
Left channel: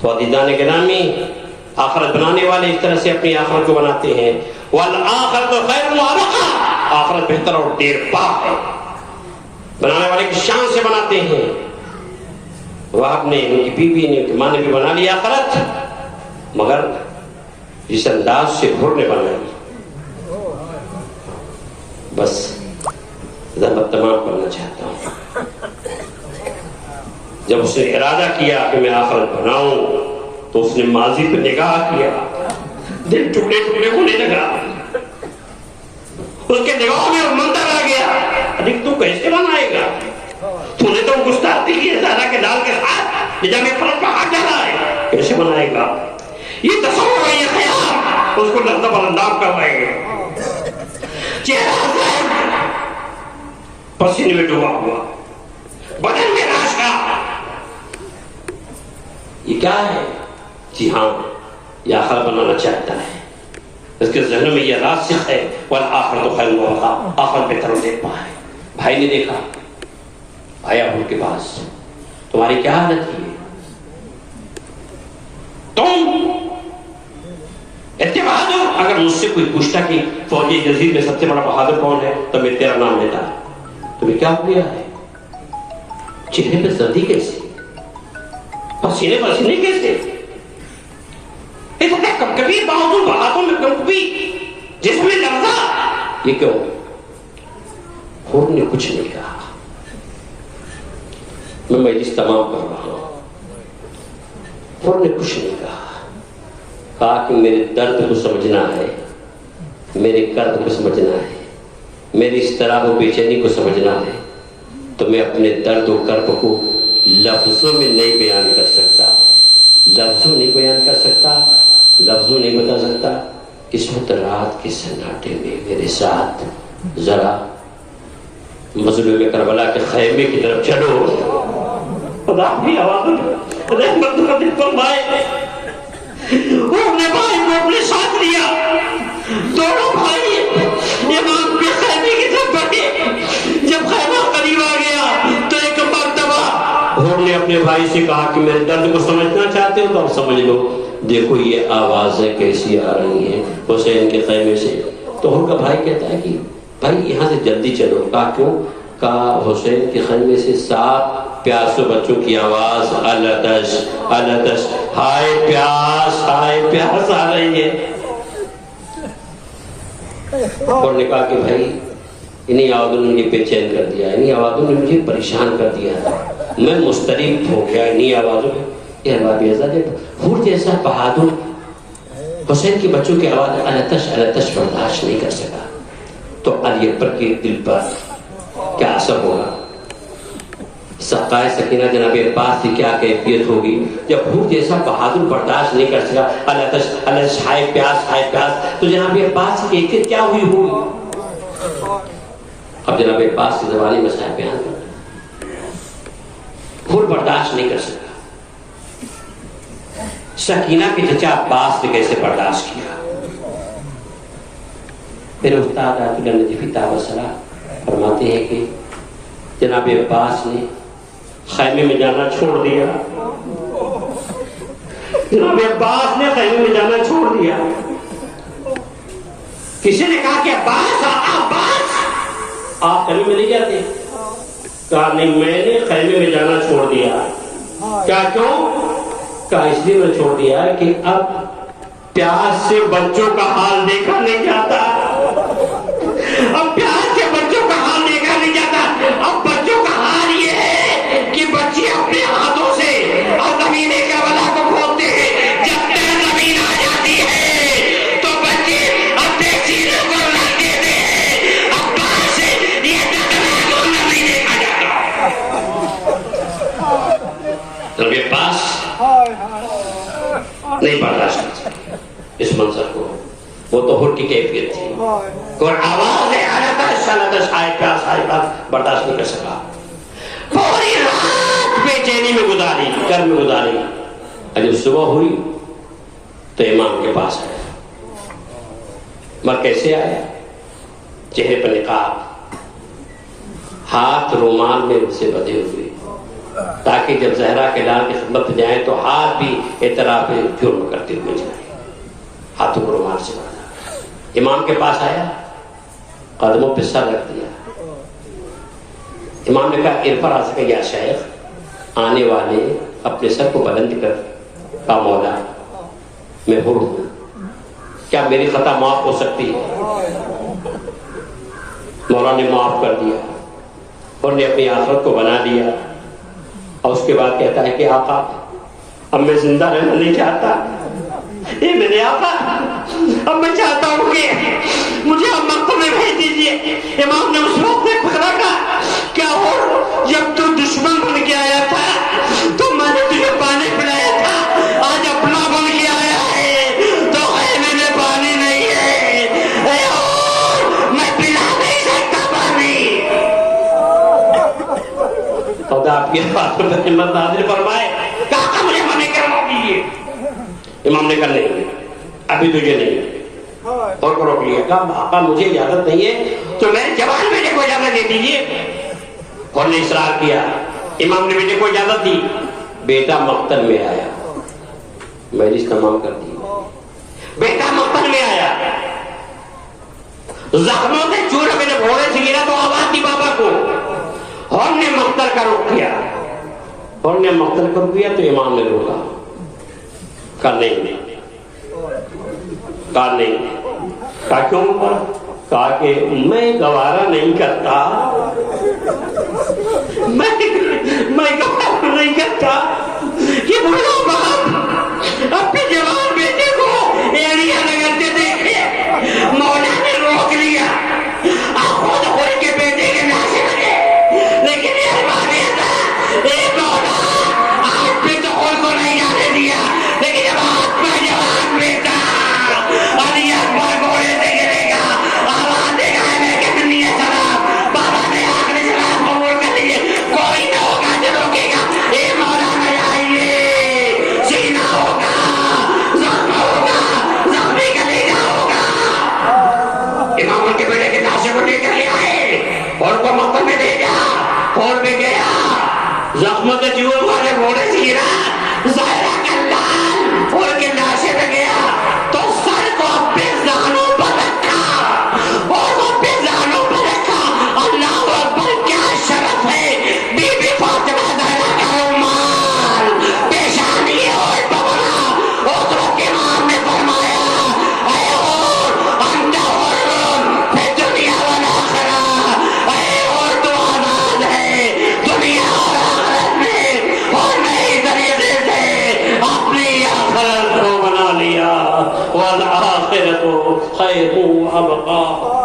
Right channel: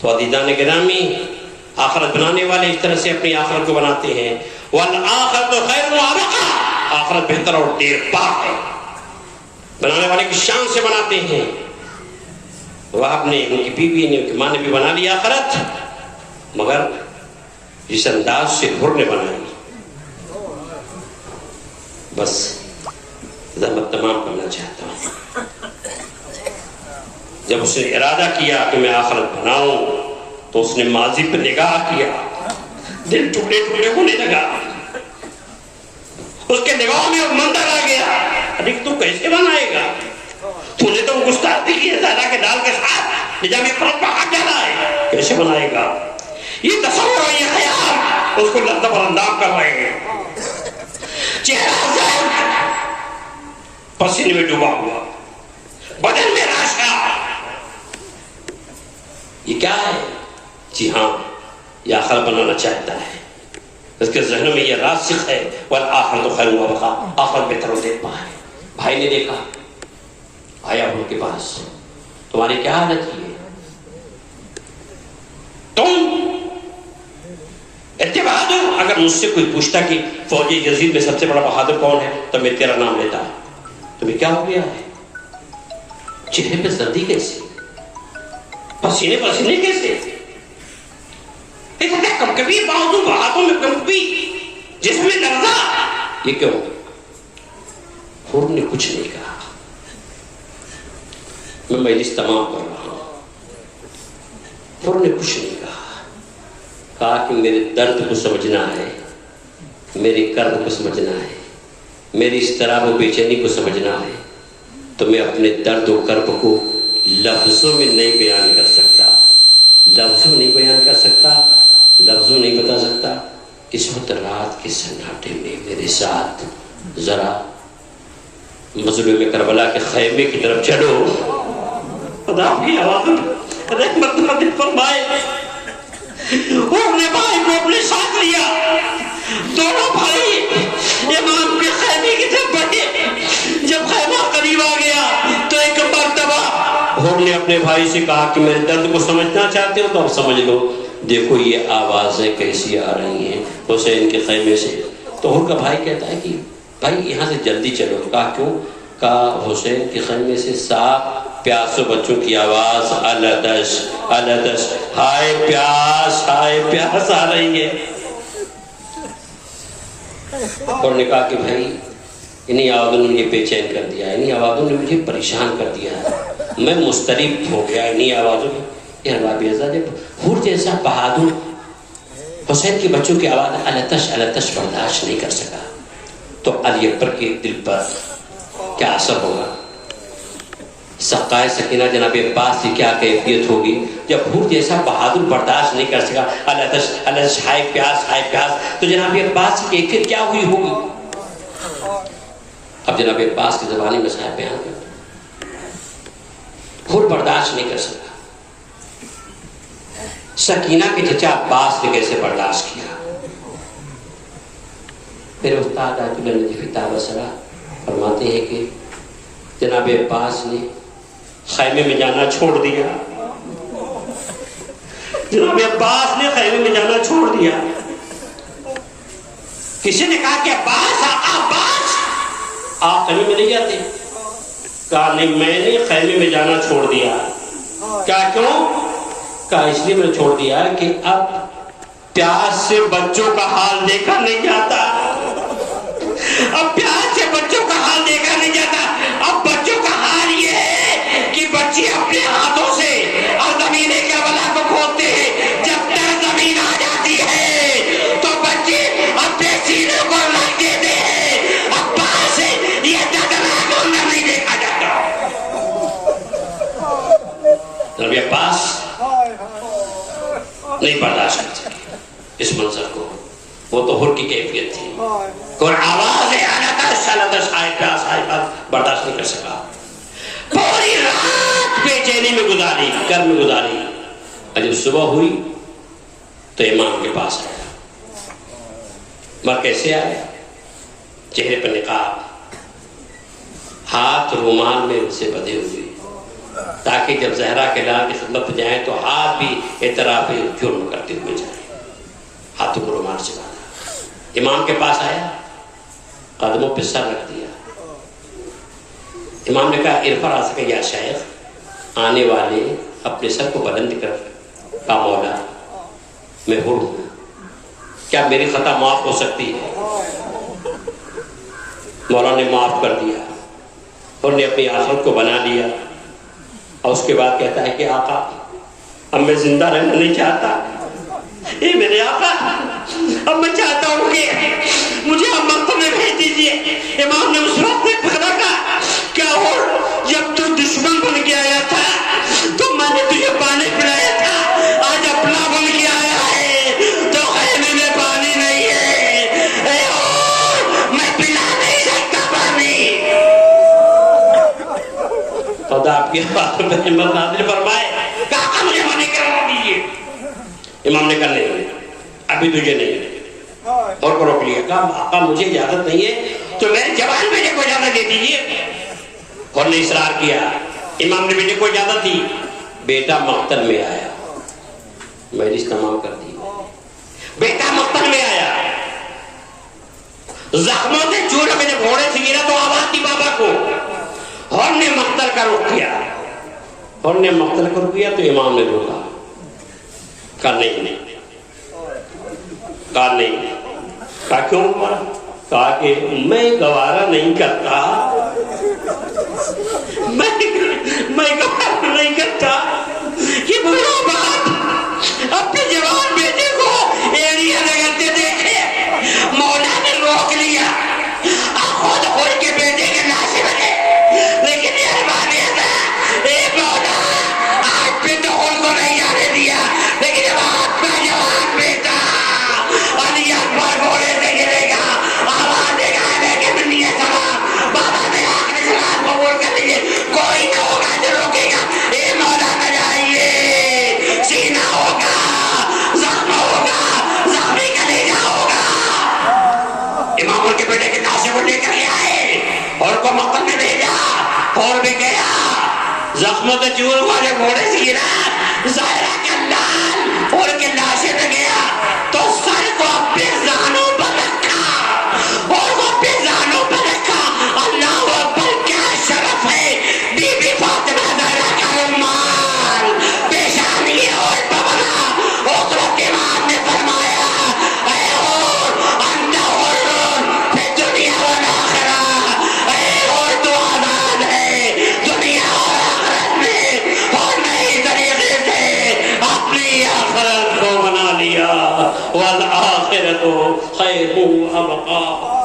تو عزیزان گرامی, آخرت بنانے والے اس طرح سے اپنی آخرت کو بناتے ہیں. والآخرت خیر وابقیٰ, آخرت بہتر اور دیر پا ہے. بنانے والے کی شان سے بناتے ہیں. وہاں نے ان کی بیوی نے ان کی ماں نے بھی بنا لی آخرت, مگر جس انداز سے حر نے بنائی. بس ذرا تمام کرنا چاہتا ہوں. جب اس نے ارادہ کیا کہ میں آخرت بناؤں تو اس نے ماضی پہ نگاہ کیا, دل ٹکڑے ٹکڑے ہونے لگا. اس کے نگاہوں میں منظر آ گیا, ابھی تو کیسے بنائے گا؟ تو نے تو گستاخی کی ہے زہرا کے ڈال کے ساتھ, جب میں پرت پہ ہاتھ ڈالا ہے, کیسے بنائے گا؟ یہ تصور, یہ خیال اس کو لطف اندام کروائے گا. چہرہ صاحب پسینے میں ڈوبا ہوا, بدن میں راشدہ. یہ کیا ہے؟ جی ہاں, یہ آخر بنانا چاہتا ہے. اس کے ذہن میں یہ راسخ ہے, والآخرت خیر وابقیٰ, آخرت بہتر و دیر پا ہے. بھائی نے دیکھا, آیا ان کے پاس, تمہاری کیا حالت ہے؟ تم اتباع دو. اگر مجھ سے کوئی پوچھتا کہ فوجی یزید میں سب سے بڑا بہادر کون ہے تو میں تیرا نام لیتا. تمہیں کیا ہو گیا ہے؟ چہرے پہ سردی کیسے, پسینے پسینے کیسے, کب کبھی باوجود ہاتھوں میں کبھی جسم میں لرزا, یہ کیوں؟ حر نے کچھ نہیں کہا. میں مجلس تمام کر رہا ہوں. حر نے کچھ نہیں کہا. کہا کہ میرے درد کو سمجھنا ہے, میرے کرب کو سمجھنا ہے, میری اضطراب و بے چینی کو سمجھنا ہے, تو میں اپنے درد و کرب کو لفظوں میں نہیں بیان کر سکتا، لفظوں نہیں بیان کر سکتا، لفظوں نہیں بتا سکتا. اس وقت رات کے سناٹے میں میرے ساتھ ذرا مظلوم کربلا کے خیمے کی طرف چلو. خدا کی آواز رحمت نازل فرمائے. اپنے بھائی کو اپنے ساتھ لیا، دونوں بھائی امام کے خیمے کی طرف بڑھے. جب خیمہ قریب آ گیا تو ایک مرتبہ انہوں نے اپنے بھائی سے کہا کہ میرے درد کو سمجھنا چاہتے ہو تو آپ سمجھ لو. دیکھو یہ آوازیں کیسی آ رہی ہیں حسین کے خیمے سے. تو ان کا بھائی کہتا ہے کہ بھائی یہاں سے جلدی چلو. کہا کیوں؟ کہا حسین کے خیمے سے 7 پیاسوں بچوں کی آواز الدش الدش، ہائے پیاس آ رہی ہے. اور نے کہا کہ بھائی انہیں آوازوں نے مجھے بے چین کر دیا، انہیں آوازوں نے مجھے پریشان کر دیا، میں مضطرب ہو گیا انہیں آوازوں میں. یہ اللہ بیزا جب حور جیسا بہادر حسین کے بچوں کی آواز التش التش برداشت نہیں کر سکا تو علی اکبر کے دل پر کیا اثر ہوگا؟ سقائے سکینہ جناب عباس کی کیا کیفیت ہوگی جب حور جیسا بہادر برداشت نہیں کر سکا التش التش ہائے پیاس تو جناب عباس کی کیفیت کیا ہوئی ہوگی؟ اب جناب عباس کی زبانی مسائل بیان کرتے. حور برداشت نہیں کر سکا. سکینہ کے چچا عباس نے کیسے برداشت کیا؟ پھر استاد آیت اللہ نجفی تابصرہ فرماتے ہیں کہ جناب عباس نے خیمے میں جانا چھوڑ دیا. جناب عباس نے خیمے میں جانا چھوڑ دیا. کسی نے کہا کہ عباس آپ خیمے میں نہیں جاتے؟ کہا نہیں، میں نے خیمے میں جانا چھوڑ دیا. کیا کیوں؟ کہا اس لیے میں چھوڑ دیا ہے کہ اب پیاس سے بچوں کا حال دیکھا نہیں جاتا. اب پیاس سے بچوں کا حال دیکھا نہیں جاتا. اب بچوں کا حال یہ ہے کہ بچے اپنے ہاتھوں سے زمین کربلا کو کھودتے ہیں. جب تک زمین آ جاتی ہے تو بچے اپنے سینوں کو اڑا دیتے ہیں. اب باہر سے یہ کربلا کو نہیں دیکھا جاتا. تو یہ پاس نہیں برداشت کر سکتے اس منظر کو. وہ تو حر کی کیفیت تھی. اور آواز برداشت نہیں کر سکا. پوری رات بے چینی میں گزاری، گھر میں گزاری. جب صبح ہوئی تو امام کے پاس آیا. ماں کیسے آیا؟ چہرے پر نقاب، ہاتھ رومال میں سے بدھے ہوئے تاکہ جب زہرا کے لال کی خدمت جائیں تو ہاتھ بھی اعتراف جرم کرتے ہوئے جائیں. ہاتھوں کو رومال سے باندھا. امام کے پاس آیا، قدموں پہ سر رکھ دیا. امام نے کہا ارفع راسک یا شیخ. آنے والے اپنے سر کو بلند کر. کہا مولا میں حر ہوں، کیا میری خطا معاف ہو سکتی ہے؟ مولا نے معاف کر دیا اور نے اپنی آخرت کو بنا لیا. اور اس کے بعد کہتا ہے کہ آقا اب میں زندہ رہنا نہیں چاہتا. اے میرے آقا اب میں چاہتا ہوں کہ مجھے اب مکہ میں بھیج دیجیے. امام نے اس وقت پکڑا کہا کیا ہو، جب تو دشمن بن کے آیا تھا تو میں نے تجھے پانی پلایا تھا، آج اپنا بن کے آیا ہے تو خیمے میں پانی نہیں ہے. میں پلا نہیں سکتا پانی. خدا آپ کے باتوں میں ہمت نازل فرمائے. کہا مجھے منع کروا دیجیے. امام نے کہا نہیں ابھی تجھے نہیں. اور کو روک لیا. کہا آقا مجھے اجازت نہیں ہے تو میں جوان بیٹے کو اجازت دے دیجیے. اور نے اصرار کیا. امام نے بیٹے کو اجازت دی. بیٹا مقتل میں آیا. مجلس تمام کر دی. بیٹا مقتل میں آیا. زخموں سے چور میرے گھوڑے سے گرا تو آواز دی بابا کو. اور نے مقتل کا رخ کیا. اور نے مقتل کا رخ کیا تو امام نے روکا. کہا نہیں. کہا نہیں. کہا کیوں؟ کہا کہ میں گوارا نہیں کرتا. میں گوارا نہیں کرتا کہ بڑا باپ اپنے جوان بیٹے کو ایڑیاں لگاتے دیکھے. مولا نے روک لیا. خود خود کے بیٹے کے ناصر بنے لیکن یہ مانے تھا اے مولا والآخرۃ خیر و ابقا.